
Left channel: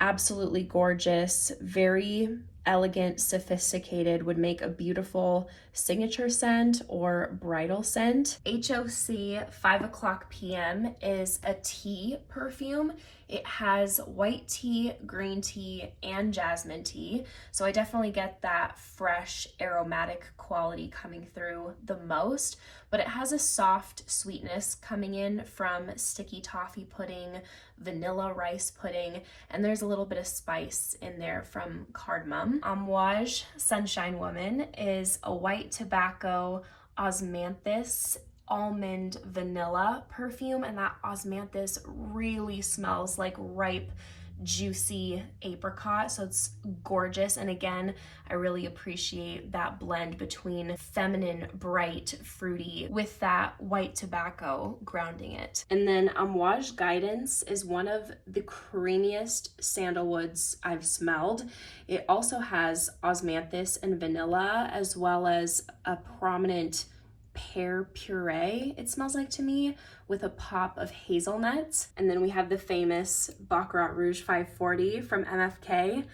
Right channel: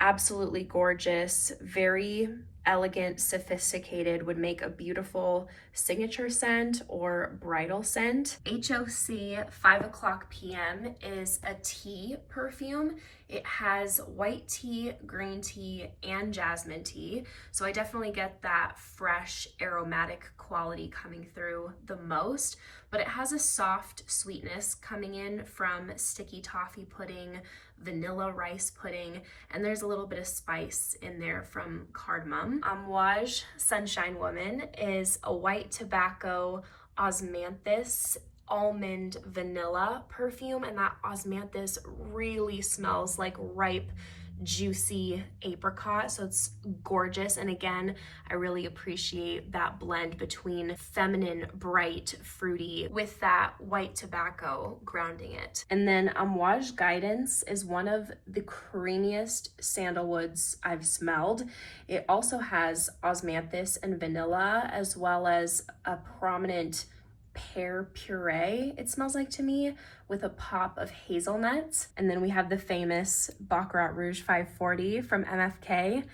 absolutely gorgeous, very elegant, sophisticated, would make a beautiful signature scent or bridal scent. HOC 5 o'clock PM is a tea perfume. It has white tea, green tea, and jasmine tea. So I definitely get that fresh aromatic quality coming through the most, but it has a soft sweetness coming in from sticky toffee pudding, vanilla rice pudding, and there's a little bit of spice in there from cardamom. Amouage Sunshine Woman is a white tobacco osmanthus almond vanilla perfume, and that osmanthus really smells like ripe, juicy apricot, so it's gorgeous. And again, I really appreciate that blend between feminine, bright, fruity with that white tobacco grounding it. And then Amouage Guidance is one of the creamiest sandalwoods I've smelled. It also has osmanthus and vanilla, as well as a prominent pear puree, it smells like to me, with a pop of hazelnuts. And then we have the famous Baccarat Rouge 540 from MFK.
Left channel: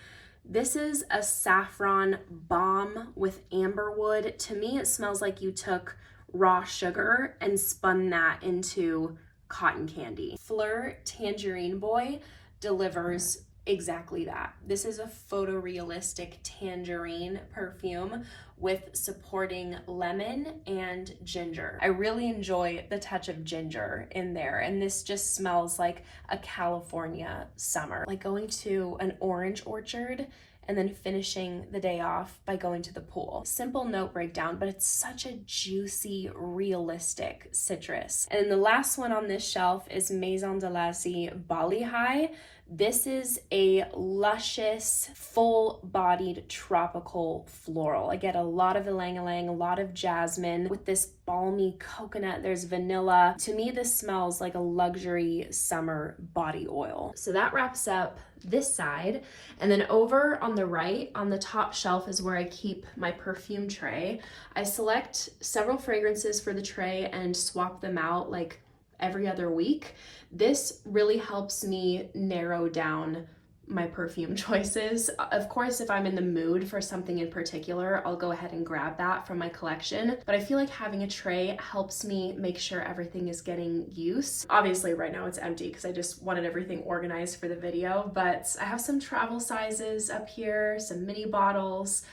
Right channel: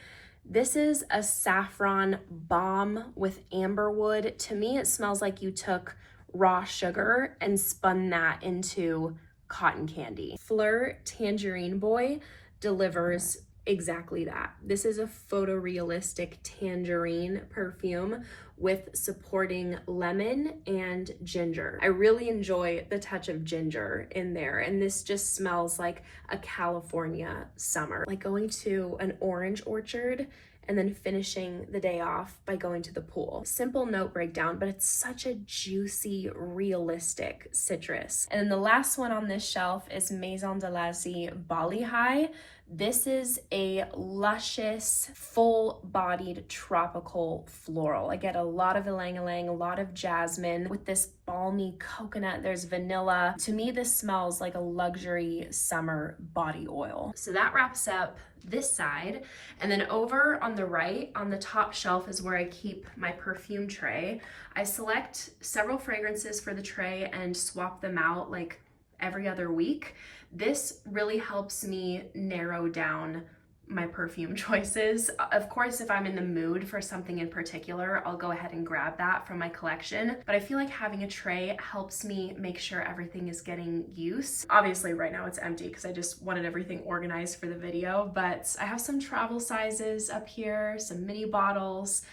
This is a saffron bomb with amberwood. To me, it smells like you took raw sugar and spun that into cotton candy. Fleur Tangerine Boy delivers exactly that. This is a photorealistic tangerine perfume with supporting lemon and ginger. I really enjoy the touch of ginger in there, and this just smells like a California summer, like going to an orange orchard and then finishing the day off by going to the pool. Simple note breakdown, but it's such a juicy, realistic citrus. And the last one on this shelf is Maison de Lassie Bali High. This is a luscious, full-bodied tropical floral. I get a lot of ylang-ylang, a lot of jasmine with this balmy coconut. There's vanilla. To me, this smells like a luxury summer body oil. So that wraps up this side. And then over on the right, on the top shelf, is where I keep my perfume tray. I select several fragrances for the tray and swap them out like every other week. This really helps me narrow down my perfume choices. Of course, if I'm in the mood for something in particular, I'll go ahead and grab that from my collection. But I feel like having a tray helps me make sure everything is getting use. Obviously right now it's empty because I just wanted everything organized for the video, but I have some travel sizes up here, some mini bottles,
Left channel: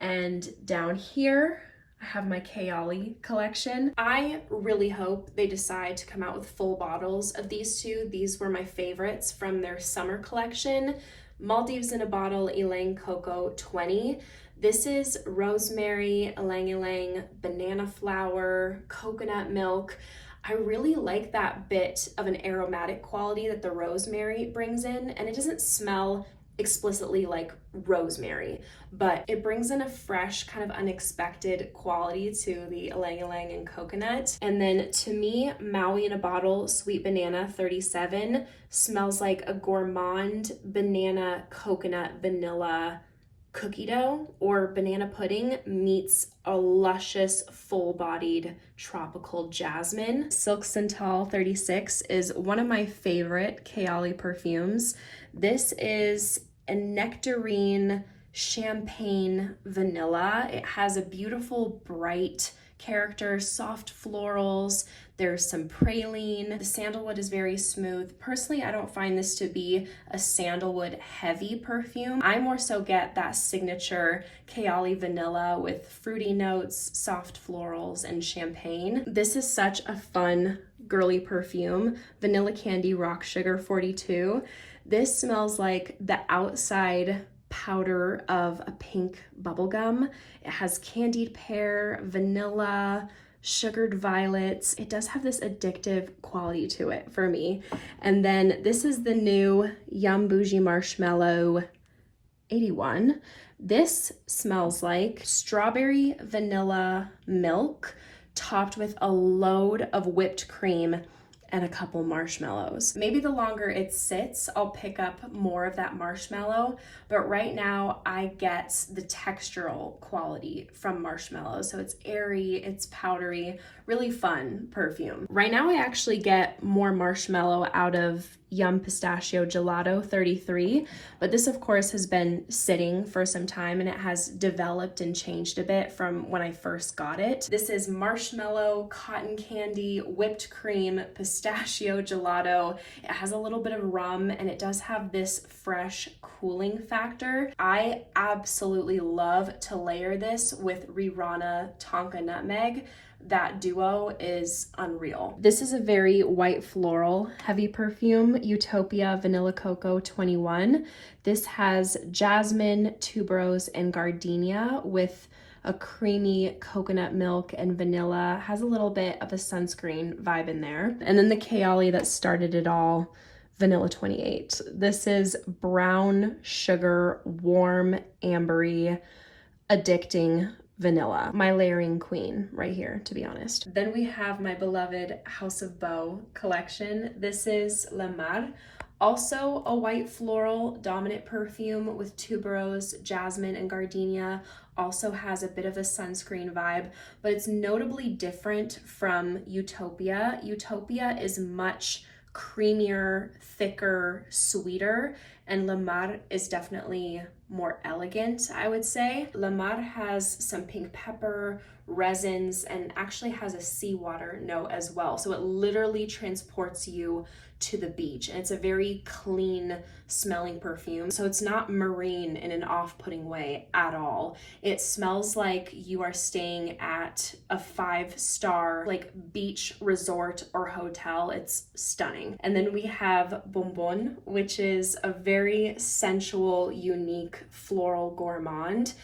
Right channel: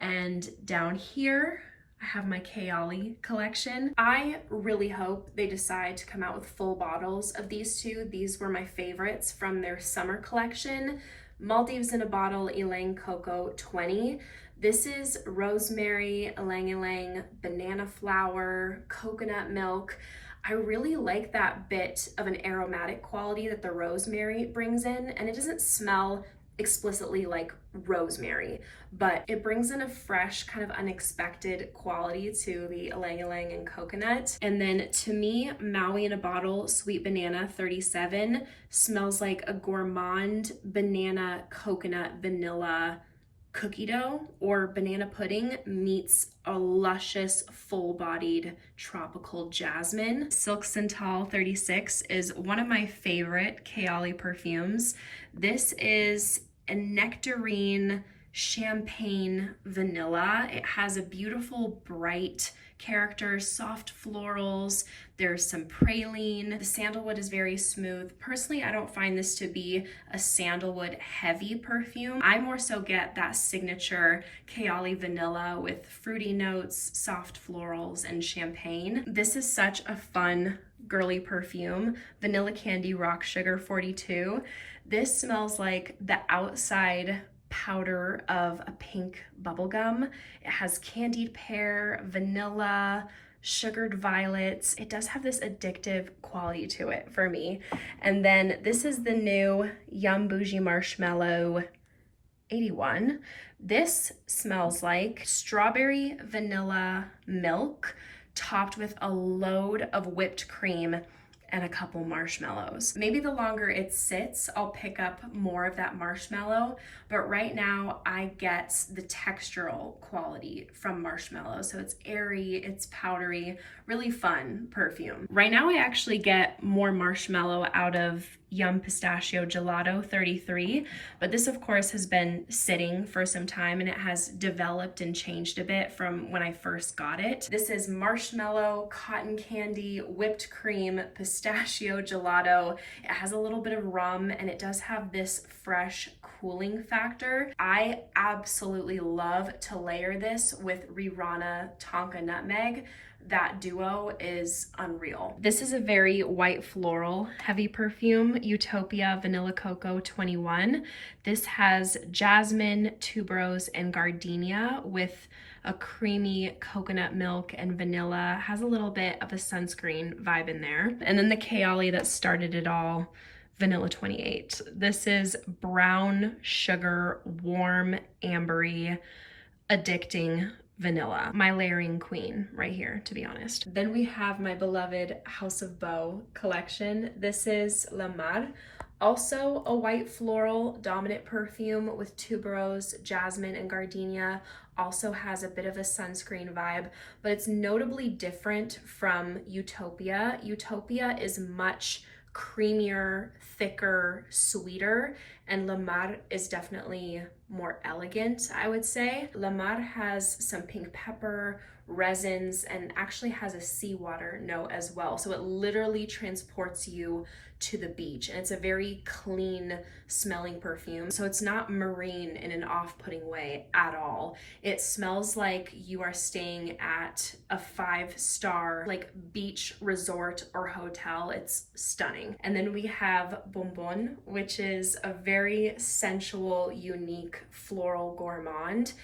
and down here I have my Kayali collection. I really hope they decide to come out with full bottles of these two. These were my favorites from their summer collection. Maldives in a Bottle Ylang Coco 20. This is rosemary, ylang ylang, banana flower, coconut milk. I really like that bit of an aromatic quality that the rosemary brings in, and it doesn't smell explicitly like rosemary, but it brings in a fresh, kind of unexpected quality to the ylang ylang and coconut. And then to me, Maui in a Bottle Sweet Banana 37 smells like a gourmand banana coconut vanilla cookie dough or banana pudding meets a luscious full-bodied tropical jasmine. Silk Santal 36 is one of my favorite Kayali perfumes. This is a nectarine champagne vanilla. It has a beautiful bright character, soft florals. There's some praline. The sandalwood is very smooth. Personally, I don't find this to be a sandalwood heavy perfume. I more so get that signature Kayali vanilla with fruity notes, soft florals, and champagne. This is such a fun girly perfume. Vanilla Candy Rock Sugar 42. This smells like the outside powder of a pink bubble gum. It has candied pear, vanilla, sugared violets. It does have this addictive quality to it for me. And then this is the new Yum Bougie Marshmallow 81. This smells like strawberry vanilla milk topped with a load of whipped cream and a couple marshmallows. Maybe the longer it sits, I'll pick up more of that marshmallow, but right now I get the textural quality from marshmallows. So it's airy, it's powdery, really fun perfume. Right now I actually get more marshmallow out of Yum Pistachio Gelato 33, but this of course has been sitting for some time and it has developed and changed a bit from when I first got it. This is marshmallow, cotton candy, whipped cream, pistachio gelato. It has a little bit of rum and it does have this fresh cooling factor. I absolutely love to layer this with Rirana Tonka Nutmeg. That duo is unreal. This is a very white floral heavy perfume, Utopia Vanilla Coco 21. This has jasmine, tuberose, and gardenia with a creamy coconut milk and vanilla. Has a little bit of a sunscreen vibe in there. And then the Kayali that started it all, Vanilla 28. This is brown sugar, warm, ambery, addicting vanilla. My layering queen right here, to be honest. Then we have my beloved House of Beau collection. This is La Mar, also a white floral dominant perfume with tuberose, jasmine, and gardenia. Also has a bit of a sunscreen vibe, but it's notably different from Utopia. Utopia is much creamier, thicker, sweeter, and La Mar is definitely more elegant, I would say. La Mar has some pink pepper, resins, and actually has a seawater note as well. So it literally transports you to the beach, and it's a very clean smelling perfume. So it's not marine in an off-putting way at all. It smells like you are staying at a 5-star like beach resort or hotel. It's stunning. And then we have Bonbon, which is a very sensual, unique floral gourmand.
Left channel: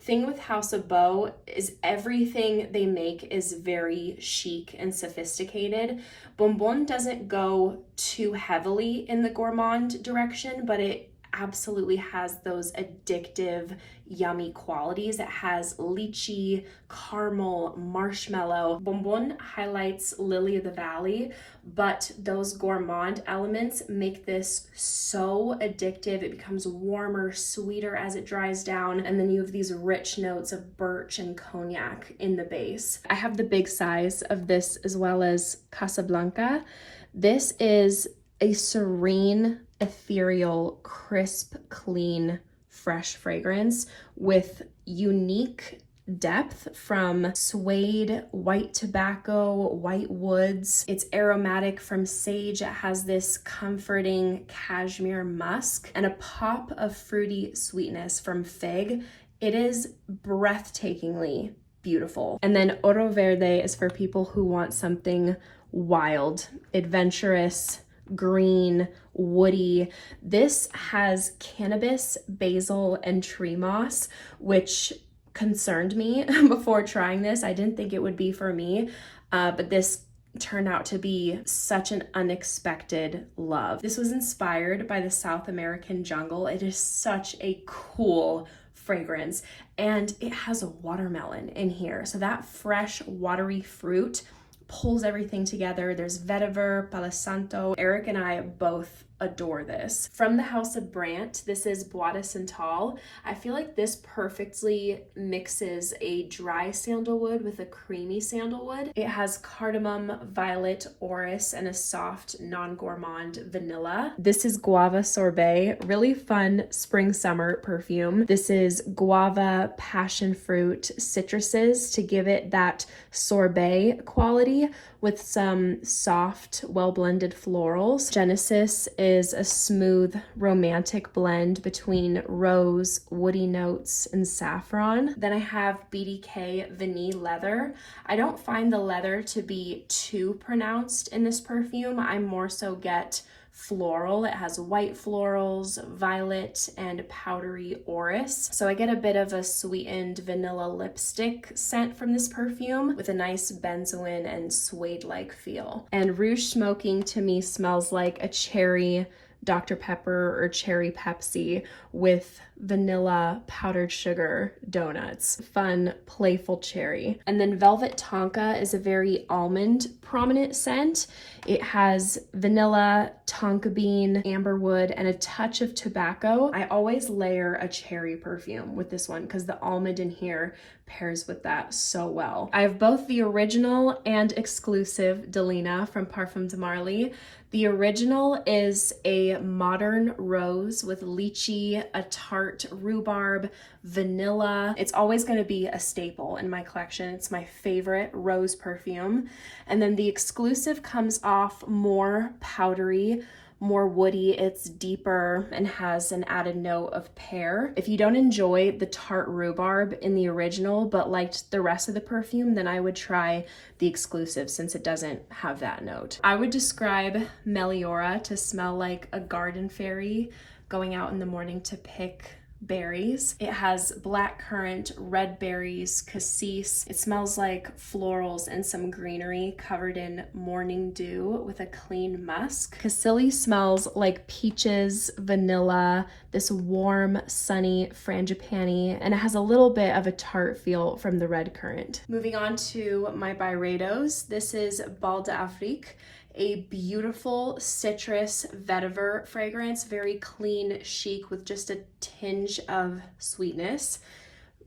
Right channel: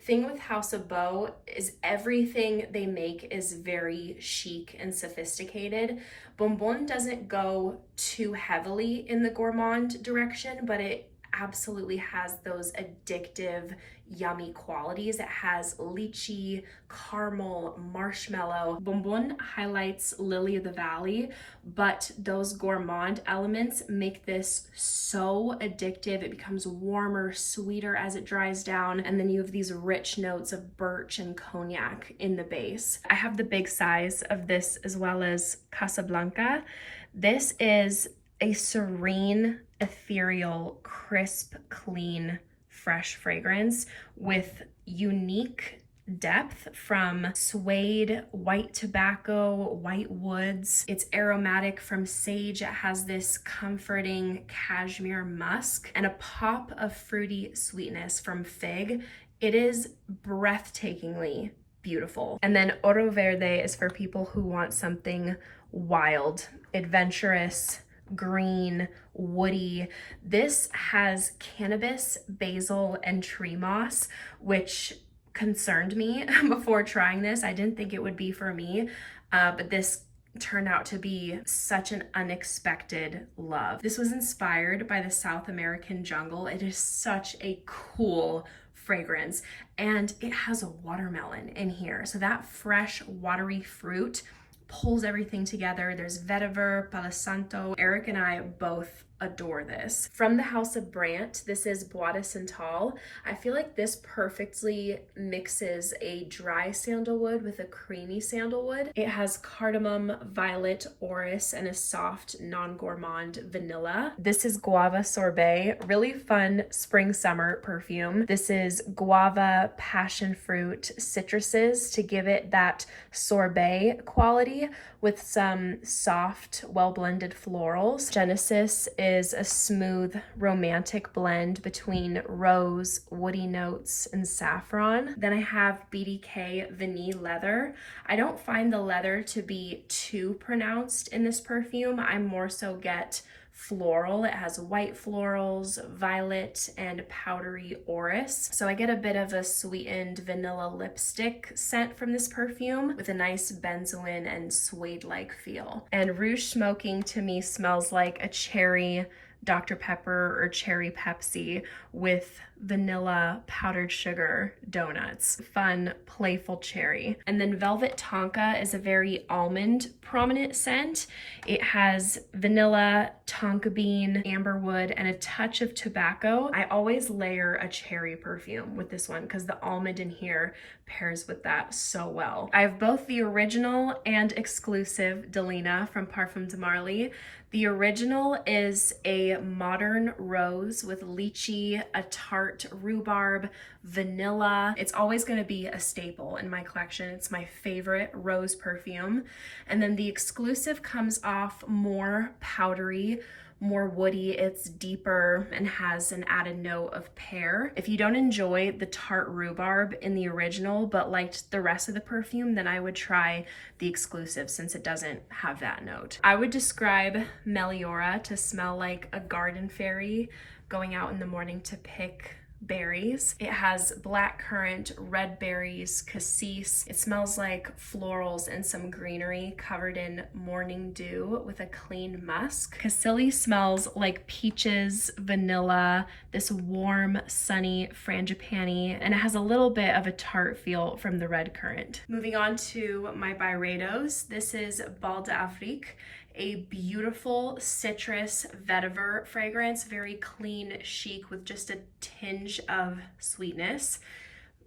Thing with House of Beau is everything they make is very chic and sophisticated. Bonbon doesn't go too heavily in the gourmand direction, but it absolutely has those addictive, yummy qualities. It has lychee, caramel, marshmallow. Bonbon highlights Lily of the Valley, but those gourmand elements make this so addictive. It becomes warmer, sweeter as it dries down, and then you have these rich notes of birch and cognac in the base. I have the big size of this as well as Casablanca. This is a serene, ethereal, crisp, clean, fresh fragrance with unique depth from suede, white tobacco, white woods. It's aromatic from sage. It has this comforting cashmere musk and a pop of fruity sweetness from fig. It is breathtakingly beautiful. And then Oro Verde is for people who want something wild, adventurous, green, woody. This has cannabis, basil, and tree moss, which concerned me before trying this. I didn't think it would be for me, but this turned out to be such an unexpected love. This was inspired by the South American jungle. It is such a cool fragrance, and it has a watermelon in here. So that fresh, watery fruit pulls everything together. There's vetiver, palo santo. Eric and I both adore this. From the House of Brant, this is Bois de Santal. I feel like this perfectly mixes a dry sandalwood with a creamy sandalwood. It has cardamom, violet, orris, and a soft, non-gourmand vanilla. This is Guava Sorbet, really fun spring-summer perfume. This is guava, passion fruit, citruses to give it that sorbet quality with some soft, well-blended florals. Genesis is a smooth, romantic blend between rose, woody notes, and saffron. Then I have BDK Vanille Leather. I don't find the leather to be too pronounced in this perfume. I more so get floral. It has white florals, violet, and powdery orris. So I get a bit of a sweetened vanilla lipstick scent from this perfume with a nice benzoin and suede-like feel. And Rouge Smoking to me smells like a cherry Dr. Pepper or cherry Pepsi with vanilla powdered sugar donuts. Fun, playful cherry. And then Velvet Tonka is a very almond prominent scent. It has vanilla, tonka bean, amberwood, and a touch of tobacco. I always layer a cherry perfume with this one because the almond in here pairs with that so well. I have both the original and exclusive Delina from Parfum de Marly. The original is a modern rose with lychee, a tart rhubarb, vanilla. It's always going to be a staple in my collection. It's my favorite rose perfume. And then the exclusive comes off more powdery, more woody. It's deeper and has an added note of pear. If you don't enjoy the tart rhubarb in the original but liked the rest of the perfume, then I would try the exclusive since it doesn't have that note. I would describe Meliora to smell like a garden fairy going out in the morning to pick berries. It has blackcurrant, red berries, cassis. It smells like florals and some greenery covered in morning dew with a clean musk. Cassili smells like peaches, vanilla, this warm, sunny frangipani, and it has a little bit of a tart feel from the red currant. Moving on to my Byredos. This is Bal d'Afrique, a beautiful citrus vetiver fragrance, very clean, chic with just a tinge of sweetness.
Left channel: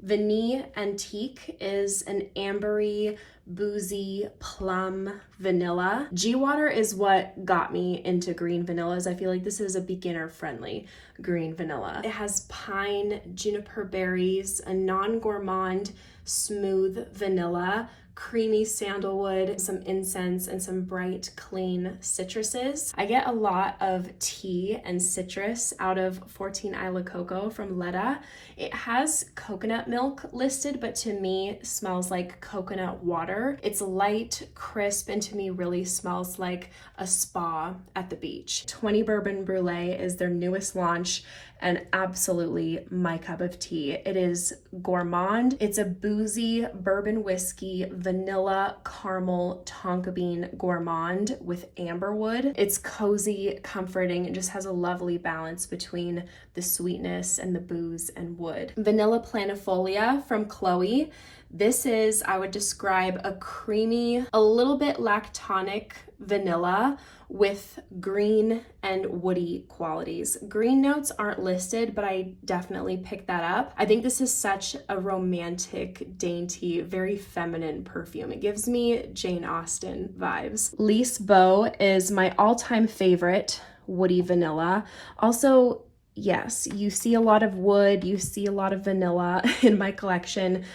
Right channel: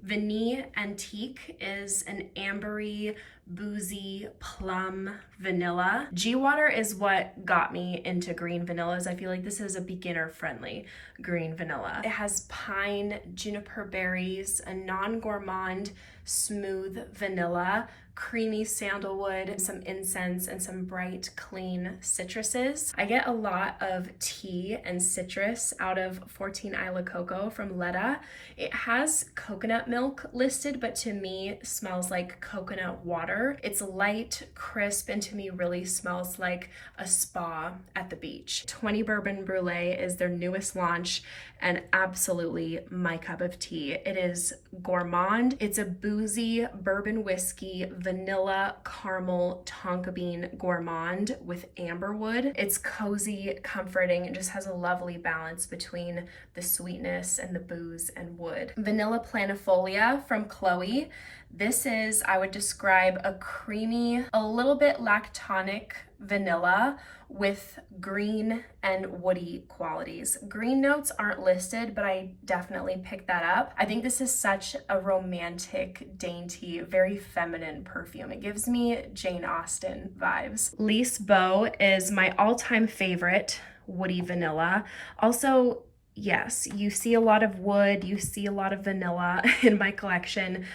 Vanille Antique is an ambery, boozy, plum vanilla. G-Water is what got me into green vanillas. I feel like this is a beginner-friendly green vanilla. It has pine, juniper berries, a non-gourmand, smooth vanilla, creamy sandalwood, some incense, and some bright, clean citruses. I get a lot of tea and citrus out of 14 Isla Coco from Letta. It has coconut milk listed, but to me smells like coconut water. It's light, crisp, and to me really smells like a spa at the beach. 20 Bourbon Brulee is their newest launch and absolutely my cup of tea. It is gourmand. It's a boozy bourbon whiskey, vanilla, caramel, tonka bean gourmand with amberwood. It's cozy, comforting, and just has a lovely balance between the sweetness and the booze and wood. Vanilla Planifolia from Chloe. This is, I would describe, a creamy, a little bit lactonic vanilla with green and woody qualities. Green notes aren't listed, but I definitely picked that up. I think this is such a romantic, dainty, very feminine perfume. It gives me Jane Austen vibes. Lise Beau is my all-time favorite woody vanilla. Also, yes, you see a lot of wood, you see a lot of vanilla in my collection.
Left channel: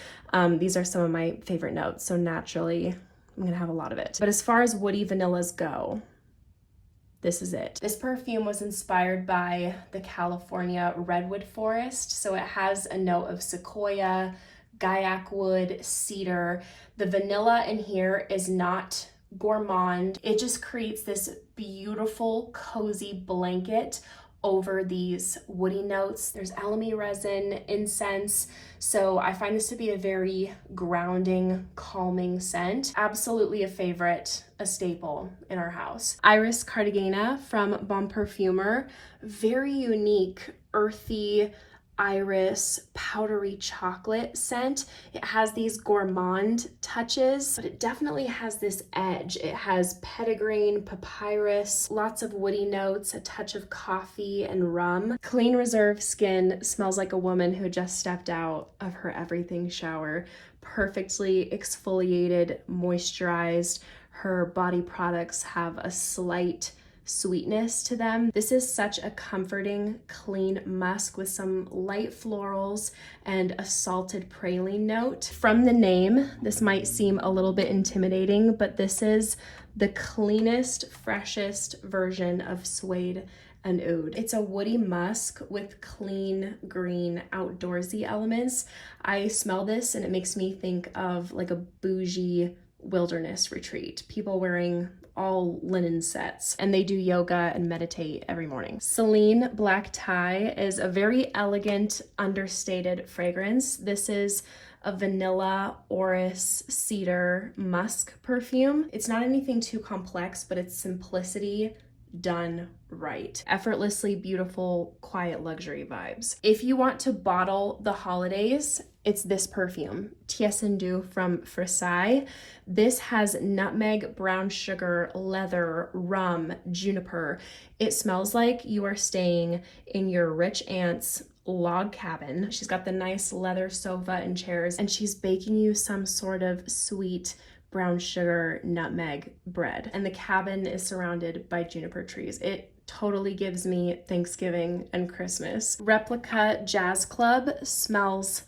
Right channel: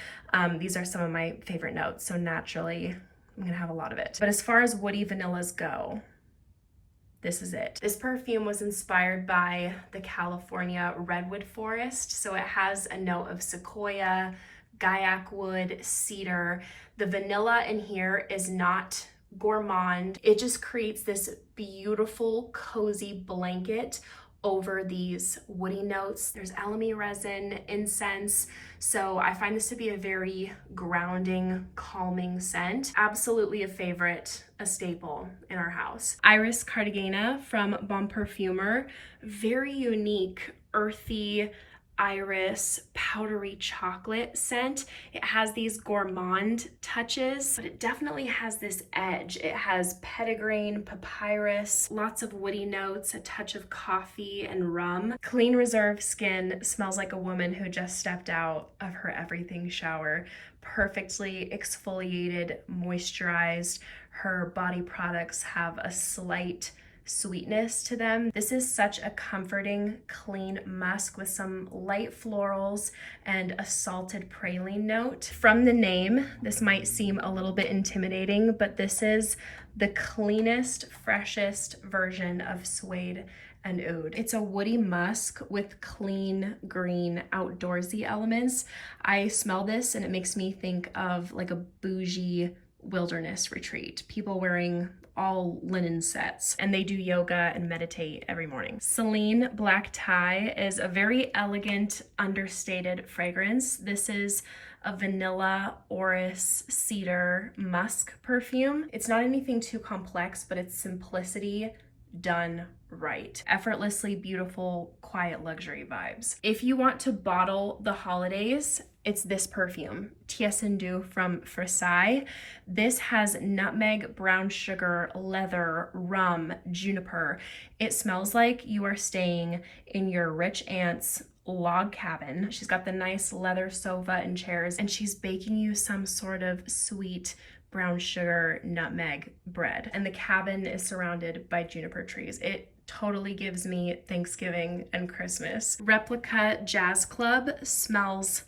These are some of my favorite notes, so naturally I'm gonna have a lot of it. But as far as woody vanillas go, this is it. This perfume was inspired by the California redwood forest, so it has a note of sequoia, gaiac wood, cedar. The vanilla in here is not gourmand. It just creates this beautiful, cozy blanket over these woody notes. There's alamy resin, incense, so I find this to be a very grounding, calming scent. Absolutely a favorite, a staple in our house. Iris Cartagena from Bon Parfumer, very unique, earthy, iris, powdery chocolate scent. It has these gourmand touches, but it definitely has this edge. It has petitgrain, papyrus, lots of woody notes, a touch of coffee and rum. Clean Reserve skin smells like a woman who just stepped out of her everything shower. Perfectly exfoliated, moisturized. Her body products have a slight sweetness to them. This is such a comforting, clean musk with some light florals and a salted praline note. From the name, this might seem a little bit intimidating, but this is the cleanest, freshest version of suede and oud. It's a woody musk with clean, green, outdoorsy elements. I smell this and it makes me think of like a bougie wilderness retreat. People wearing all linen sets, and they do yoga and meditate every morning. Celine Black Tie is a very elegant, understated fragrance. This is a vanilla, orris, cedar, musk perfume. It's not anything too complex, but it's simplicity done right. Effortlessly beautiful, quiet luxury vibes. If you want to bottle the holidays, it's this perfume, Tiessendu from Versailles. This has nutmeg, brown sugar, leather, rum, juniper. It smells like you are staying in your rich aunt's log cabin. She's got the nice leather sofa and chairs, and she's baking you some sort of sweet brown sugar nutmeg bread. And the cabin is surrounded by juniper trees. It totally gives me Thanksgiving and Christmas. Replica Jazz Club smells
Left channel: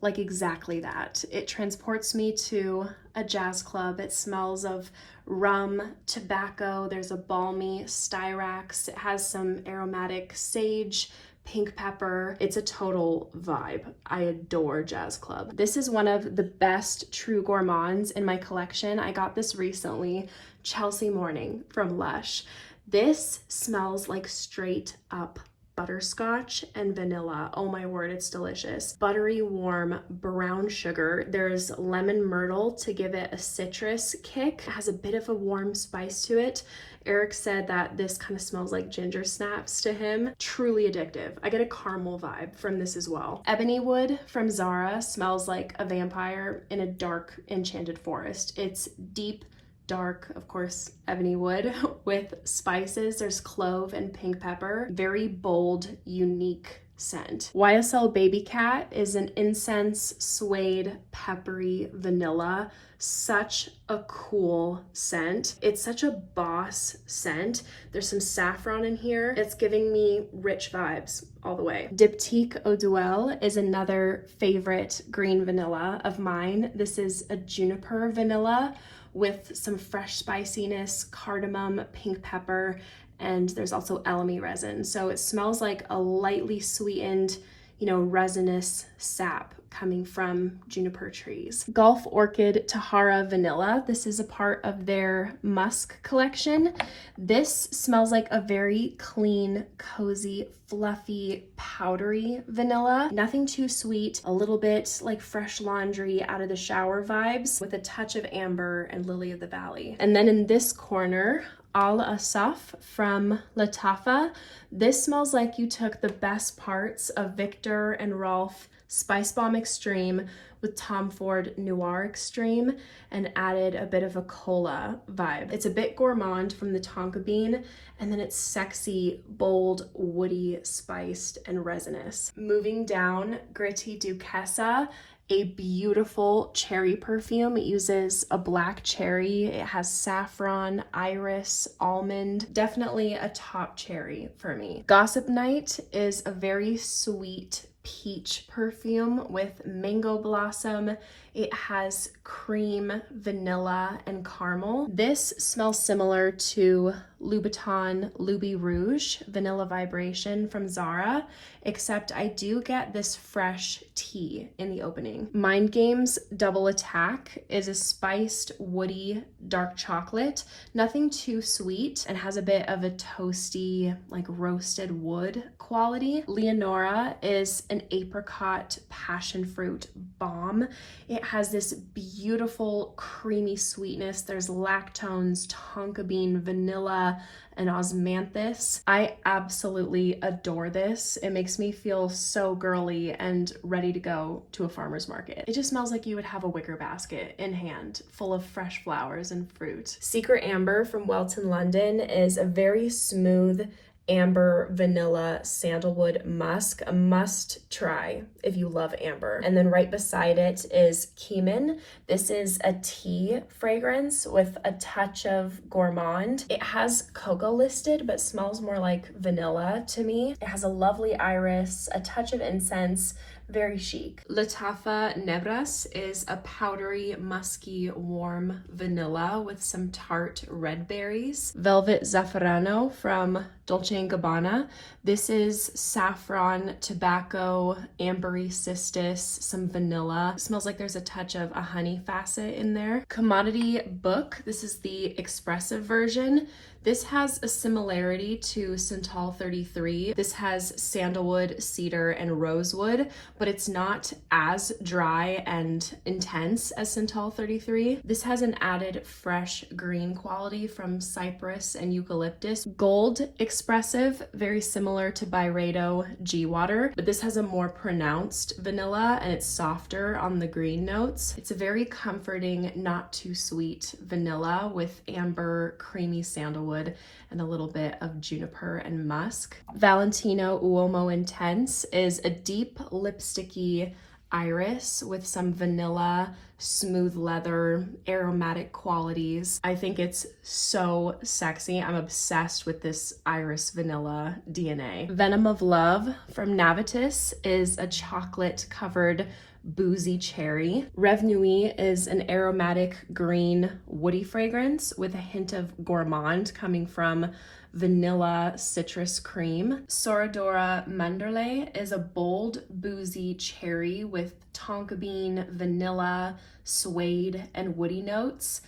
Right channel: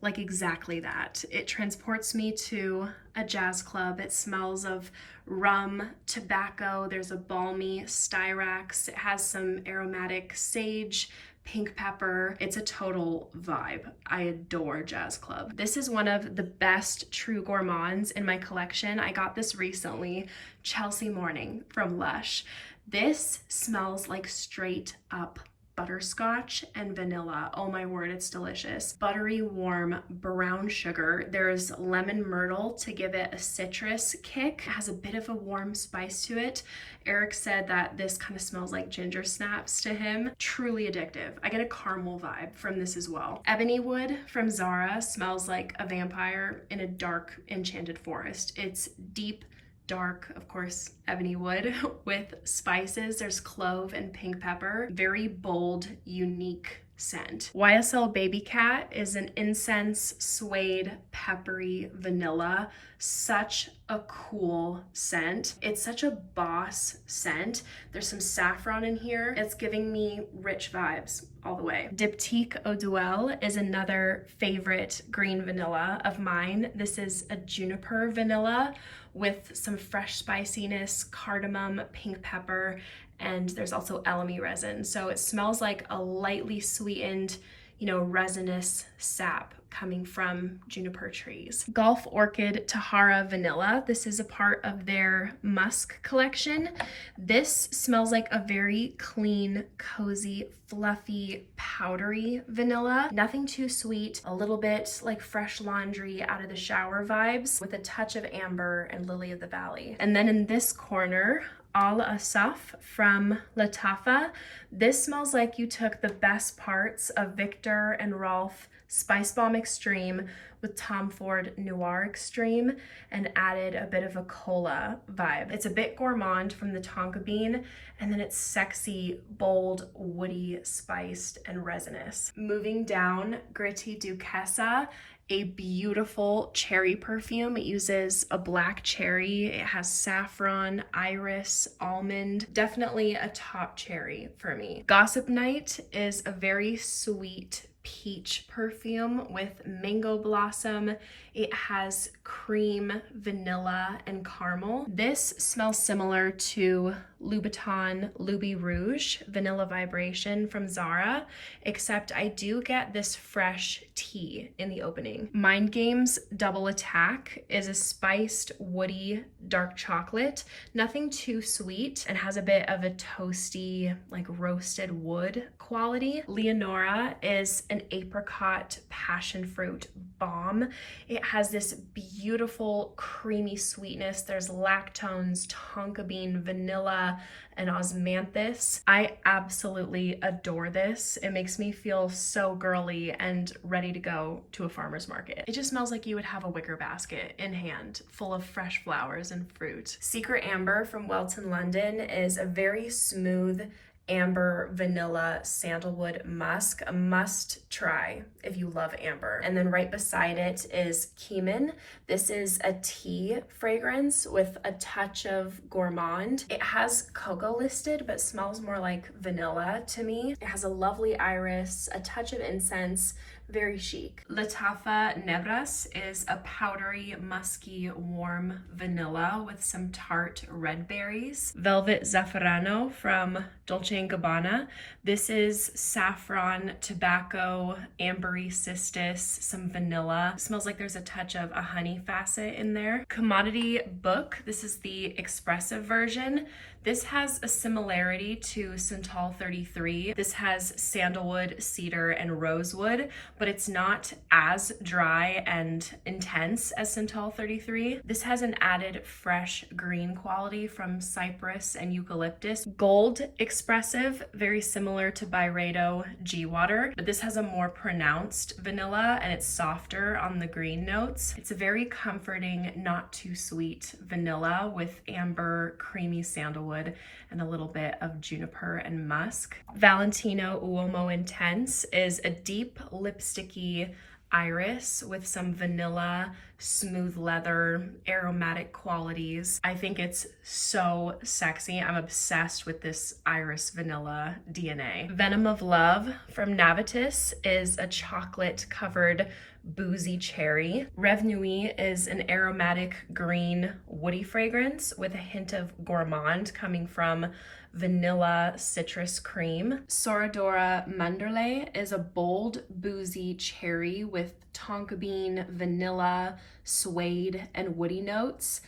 like exactly that. It transports me to a jazz club. It smells of rum, tobacco. There's a balmy styrax. It has some aromatic sage, pink pepper. It's a total vibe. I adore Jazz Club. This is one of the best true gourmands in my collection. I got this recently, Chelsea Morning from Lush. This smells like straight up butterscotch and vanilla. Oh my word, it's delicious. Buttery, warm brown sugar. There's lemon myrtle to give it a citrus kick. It has a bit of a warm spice to it. Eric said that this kind of smells like ginger snaps to him. Truly addictive. I get a caramel vibe from this as well. Ebony Wood from Zara smells like a vampire in a dark, enchanted forest. It's deep, dark, of course, ebony wood with spices. There's clove and pink pepper. Very bold, unique scent. YSL Baby Cat is an incense, suede, peppery vanilla. Such a cool scent. It's such a boss scent. There's some saffron in here. It's giving me rich vibes all the way. Diptyque Eau Duelle is another favorite green vanilla of mine. This is a juniper vanilla with some fresh spiciness, cardamom, pink pepper, and there's also elemi resin. So it smells like a lightly sweetened, resinous sap coming from juniper trees. Gulf Orchid Tahara Vanilla. This is a part of their musk collection. This smells like a very clean, cozy, fluffy, powdery vanilla. Nothing too sweet, a little bit like fresh laundry out of the shower vibes with a touch of amber and lily of the valley. And then in this corner, Al Asaf from Latafa. This smells like you took the best parts of Victor and Rolf Spice Bomb Extreme with Tom Ford Noir Extreme and added a bit of a cola vibe. It's a bit gourmand from the tonka bean, and then it's sexy, bold, woody, spiced, and resinous. Moving down, Gritti Duchessa, a beautiful cherry perfume. It uses a black cherry. It has saffron, iris, almond. Definitely a top cherry for me. Gossip Night is a very sweet peach perfume with mango blossom. It has cream, vanilla, and caramel. This smells similar to Louboutin Louis Rouge Vanilla Vibration from Zara, except I do get this fresh tea in the opening. Mind Games Double Attack is a spiced, woody, dark chocolate. Nothing too sweet, and has a bit of a toasty, like roasted wood quality. Leonora is an apricot passion fruit bomb. It has this beautiful creamy sweetness. There's lactones, tonka bean, vanilla, and osmanthus. I absolutely adore this. It makes me feel so girly and ready to go to a farmer's market. It just smells like you would have a wicker basket in hand full of fresh flowers and fruit. Secret Amber from Welton London is a very smooth amber vanilla sandalwood musk, a must try if you love amber. And then right beside it is Keeman. This is a tea fragrance with a touch of gourmand. It has cocoa listed but smells more like vanilla to me. It has a lovely iris, a touch of incense, very chic. Latafa Nebras is a powdery, musky, warm vanilla with some tart red berries. Velvet Zafferano from Dolce & Gabbana. This is saffron, tobacco, ambery cistus, some vanilla. It smells like there's a touch of a honey facet in there. Commodity Book. This is the expressive version. This has a similarity to Santal 33. This has sandalwood, cedar, and rosewood, but it's not as dry and intense as Santal 33. This has an added fresh green quality from cypress and eucalyptus. Gold Expressive, very similar to Byredo G Water, but this has a more pronounced vanilla and it's softer on the green notes. It's a very comforting, not too sweet vanilla with amber, creamy sandalwood, and a little bit of juniper and musk. Valentino Uomo Intense is a deep lipsticky iris with some vanilla, smooth leather, aromatic qualities. I think it's so sexy. I'm obsessed with this iris vanilla DNA. Venom of Love from Navitus is a chocolate covered boozy cherry. Rêve Nuit is an aromatic green woody fragrance with a hint of gourmand coming from vanilla citrus cream. Soradora Manderley is a bold boozy cherry with tonka bean, vanilla, suede, and woody notes.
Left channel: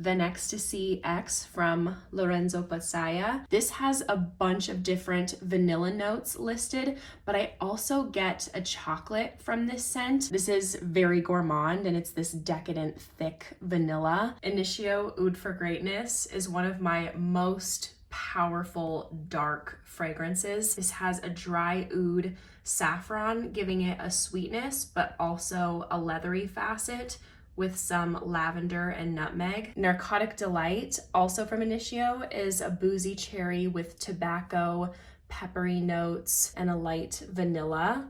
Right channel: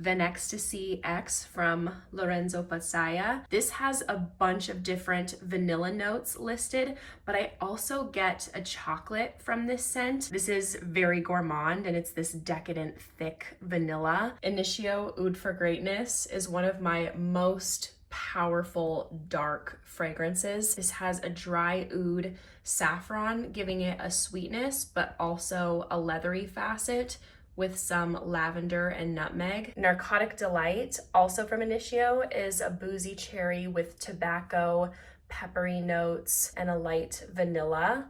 Venecstasy X from Lorenzo Pasaya. This has a bunch of different vanilla notes listed, but I also get a chocolate from this scent. This is very gourmand and it's this decadent, thick vanilla. Initio Oud for Greatness is one of my most powerful dark fragrances. This has a dry oud saffron, giving it a sweetness, but also a leathery facet with some lavender and nutmeg. Narcotic Delight, also from Initio, is a boozy cherry with tobacco, peppery notes, and a light vanilla.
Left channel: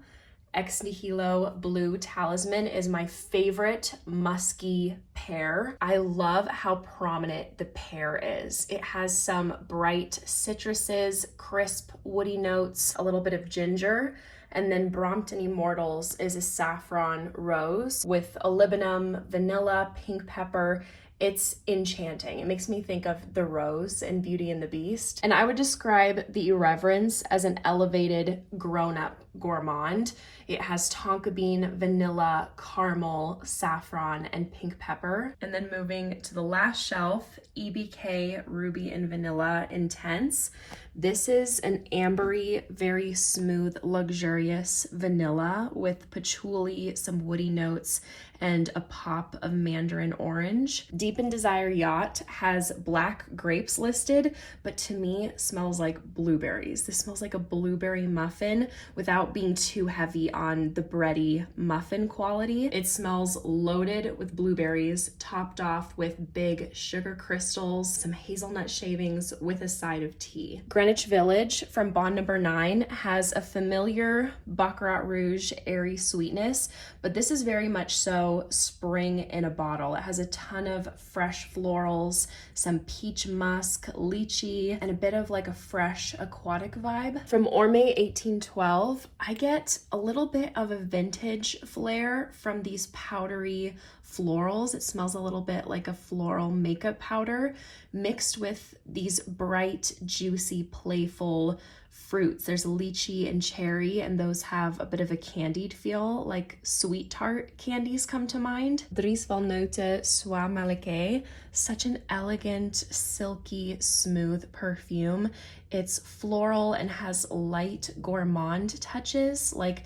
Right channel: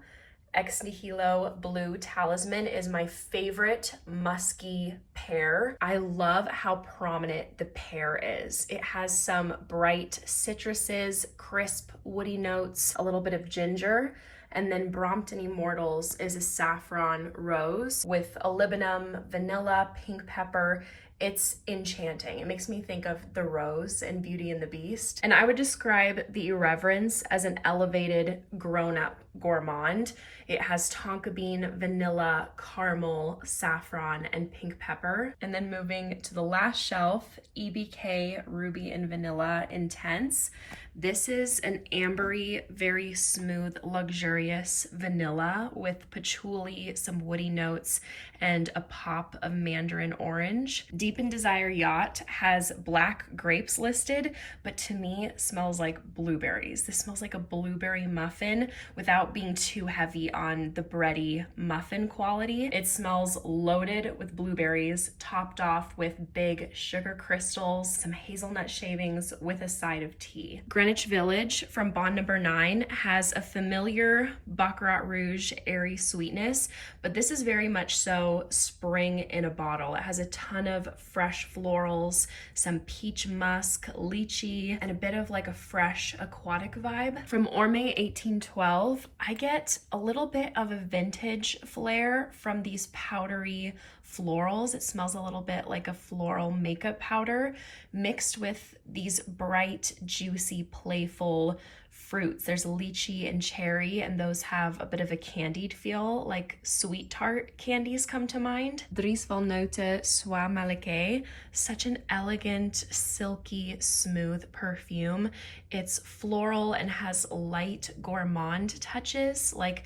Ex Nihilo Blue Talisman is my favorite musky pear. I love how prominent the pear is. It has some bright citruses, crisp woody notes, a little bit of ginger, and then Brompton Immortals is a saffron rose with olivinum, vanilla, pink pepper. It's enchanting. It makes me think of the rose in Beauty and the Beast. And I would describe the Irreverence as an elevated grown-up gourmand. It has tonka bean, vanilla, caramel, saffron, and pink pepper. And then moving to the last shelf, EBK Ruby and Vanilla Intense. This is an ambery, very smooth, luxurious vanilla with patchouli, some woody notes, and a pop of mandarin orange. Deep in Desire Yacht has black grapes listed, but to me it smells like blueberries. This smells like a blueberry muffin without being too heavy on the bready muffin quality. It smells loaded with blueberries, topped off with big sugar crystals, some hazelnut shavings with a side of tea. Greenwich Village from Bond Number 9 has a familiar Baccarat Rouge airy sweetness, but this is very much so spring in a bottle. It has a ton of fresh florals, some peach musk, lychee, and a bit of like a fresh aquatic vibe. From Orme 1812, I get a little bit of a vintage flair from these powdery florals. It smells a little bit like a floral makeup powder mixed with these bright, juicy, playful fruits. There's lychee and cherry, and those have a bit of a candied feel, like sweet tart candies come to mind. Dries Van Noten Soie Malika, such an elegant, silky, smooth perfume. It's floral and has light gourmand touches, like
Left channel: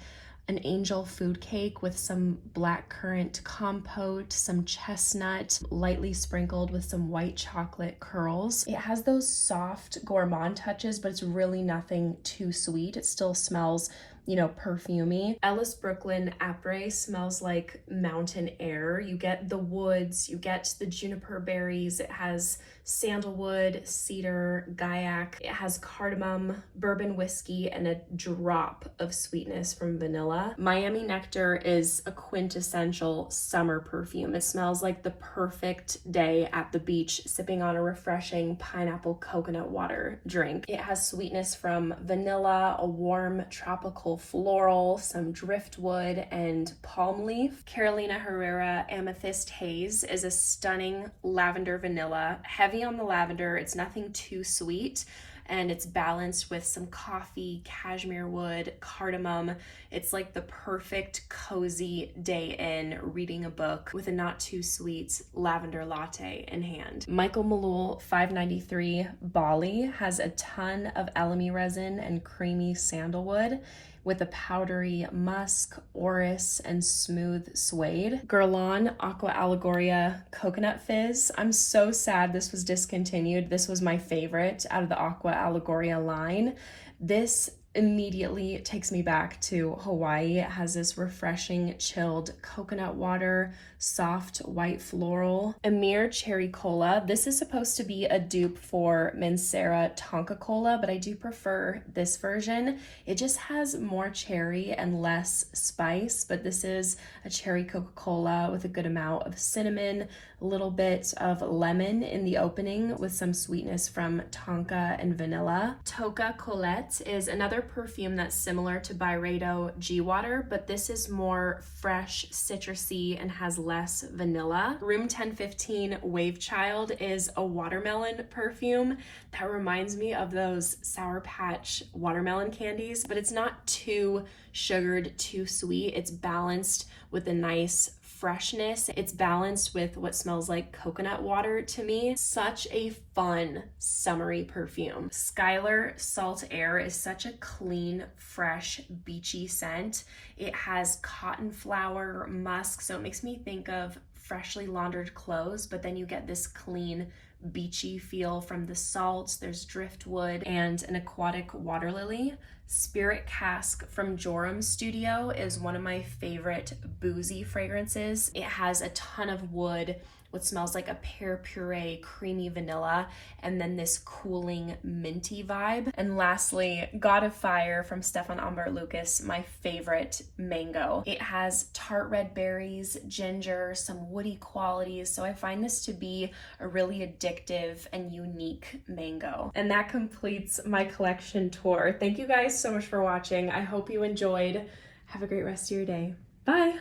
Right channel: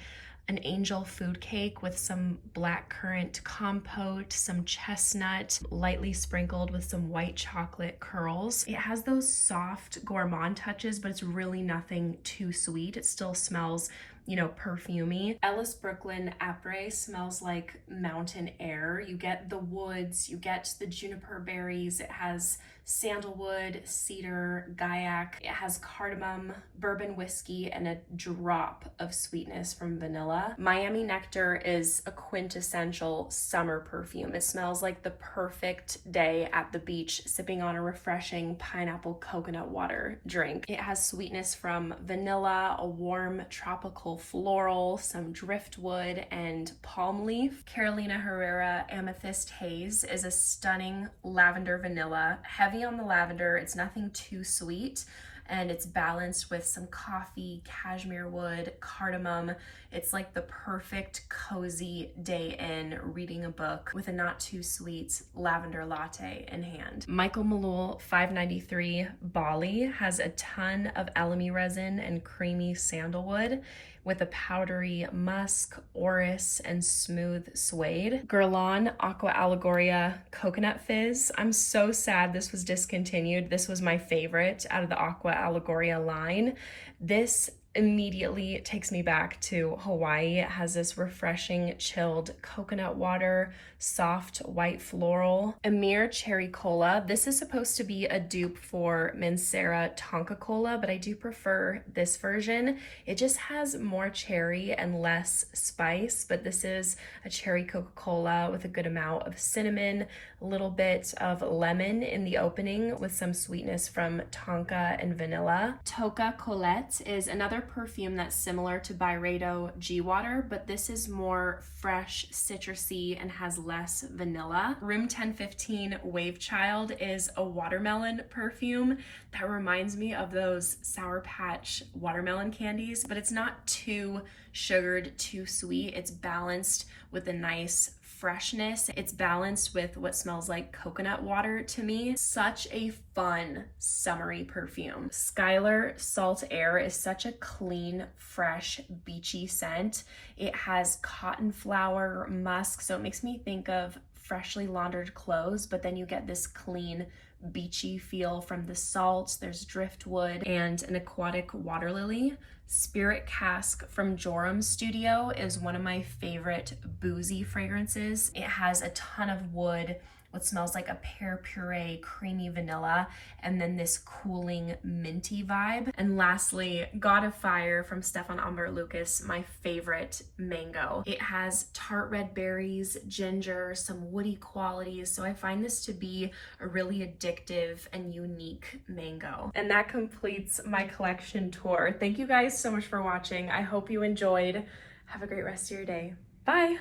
an angel food cake with some blackcurrant compote, some chestnut, lightly sprinkled with some white chocolate curls. It has those soft gourmand touches, but it's really nothing too sweet. It still smells, you know, perfumey. Ellis Brooklyn Après smells like mountain air. You get the woods, you get the juniper berries. It has sandalwood, cedar, gaiac. It has cardamom, bourbon whiskey, and a drop of sweetness from vanilla. Miami Nectar is a quintessential summer perfume. It smells like the perfect day at the beach, sipping on a refreshing pineapple coconut water drink. It has sweetness from vanilla, a warm tropical floral, some driftwood, and palm leaf. Carolina Herrera Amethyst Haze is a stunning lavender vanilla, heavy on the lavender. It's nothing too sweet, and it's balanced with some coffee, cashmere wood, cardamom. It's like the perfect cozy day in reading a book with a not too sweet lavender latte in hand. Michael Malul 593 Bali has a ton of elemi resin and creamy sandalwood with a powdery musk, orris, and smooth suede. Guerlain Aqua Allegoria Coconut Fizz. I'm so sad this was discontinued. This was my favorite out of the Aqua Allegoria line. This immediately takes me back to Hawaii. It has this refreshing, chilled coconut water, soft white floral. Emir Cherry Cola. This is supposed to be a dupe for Mancera Tonka Cola, but I do prefer this version. It just has more cherry and less spice, but this is a cherry Coca-Cola with a good amount of cinnamon, a little bit of lemon in the opening with some sweetness from tonka and vanilla. Toca Colette is another perfume that's similar to Byredo G-Water, but this is more fresh, citrusy, and has less vanilla. Room 1015 Wave Child is a watermelon perfume that reminds me of those Sour Patch watermelon candies, but it's not too sugared, too sweet. It's balanced with a nice freshness. It's balanced with what smells like coconut water to me. Such a fun summery perfume. Skylar Salt Air is such a clean, fresh, beachy scent. It has cotton flower, musk, so it makes me think of freshly laundered clothes, but then you get this clean, beachy feel from the salt. There's driftwood and an aquatic water lily. Spirit Cask from Joram Studio is one of my favorite boozy fragrances. It has a ton of wood, what smells like a pear puree, creamy vanilla, and then this cooling minty vibe. And lastly, God of Fire from Stefan Amber Lucas, my favorite mango. It has tart red berries, ginger, some woody qualities, so I find this to be a really addictive and unique mango. And that completes my collection tour. Thank you guys so much for watching. I hope you enjoyed. Have a great rest of your day. Bye!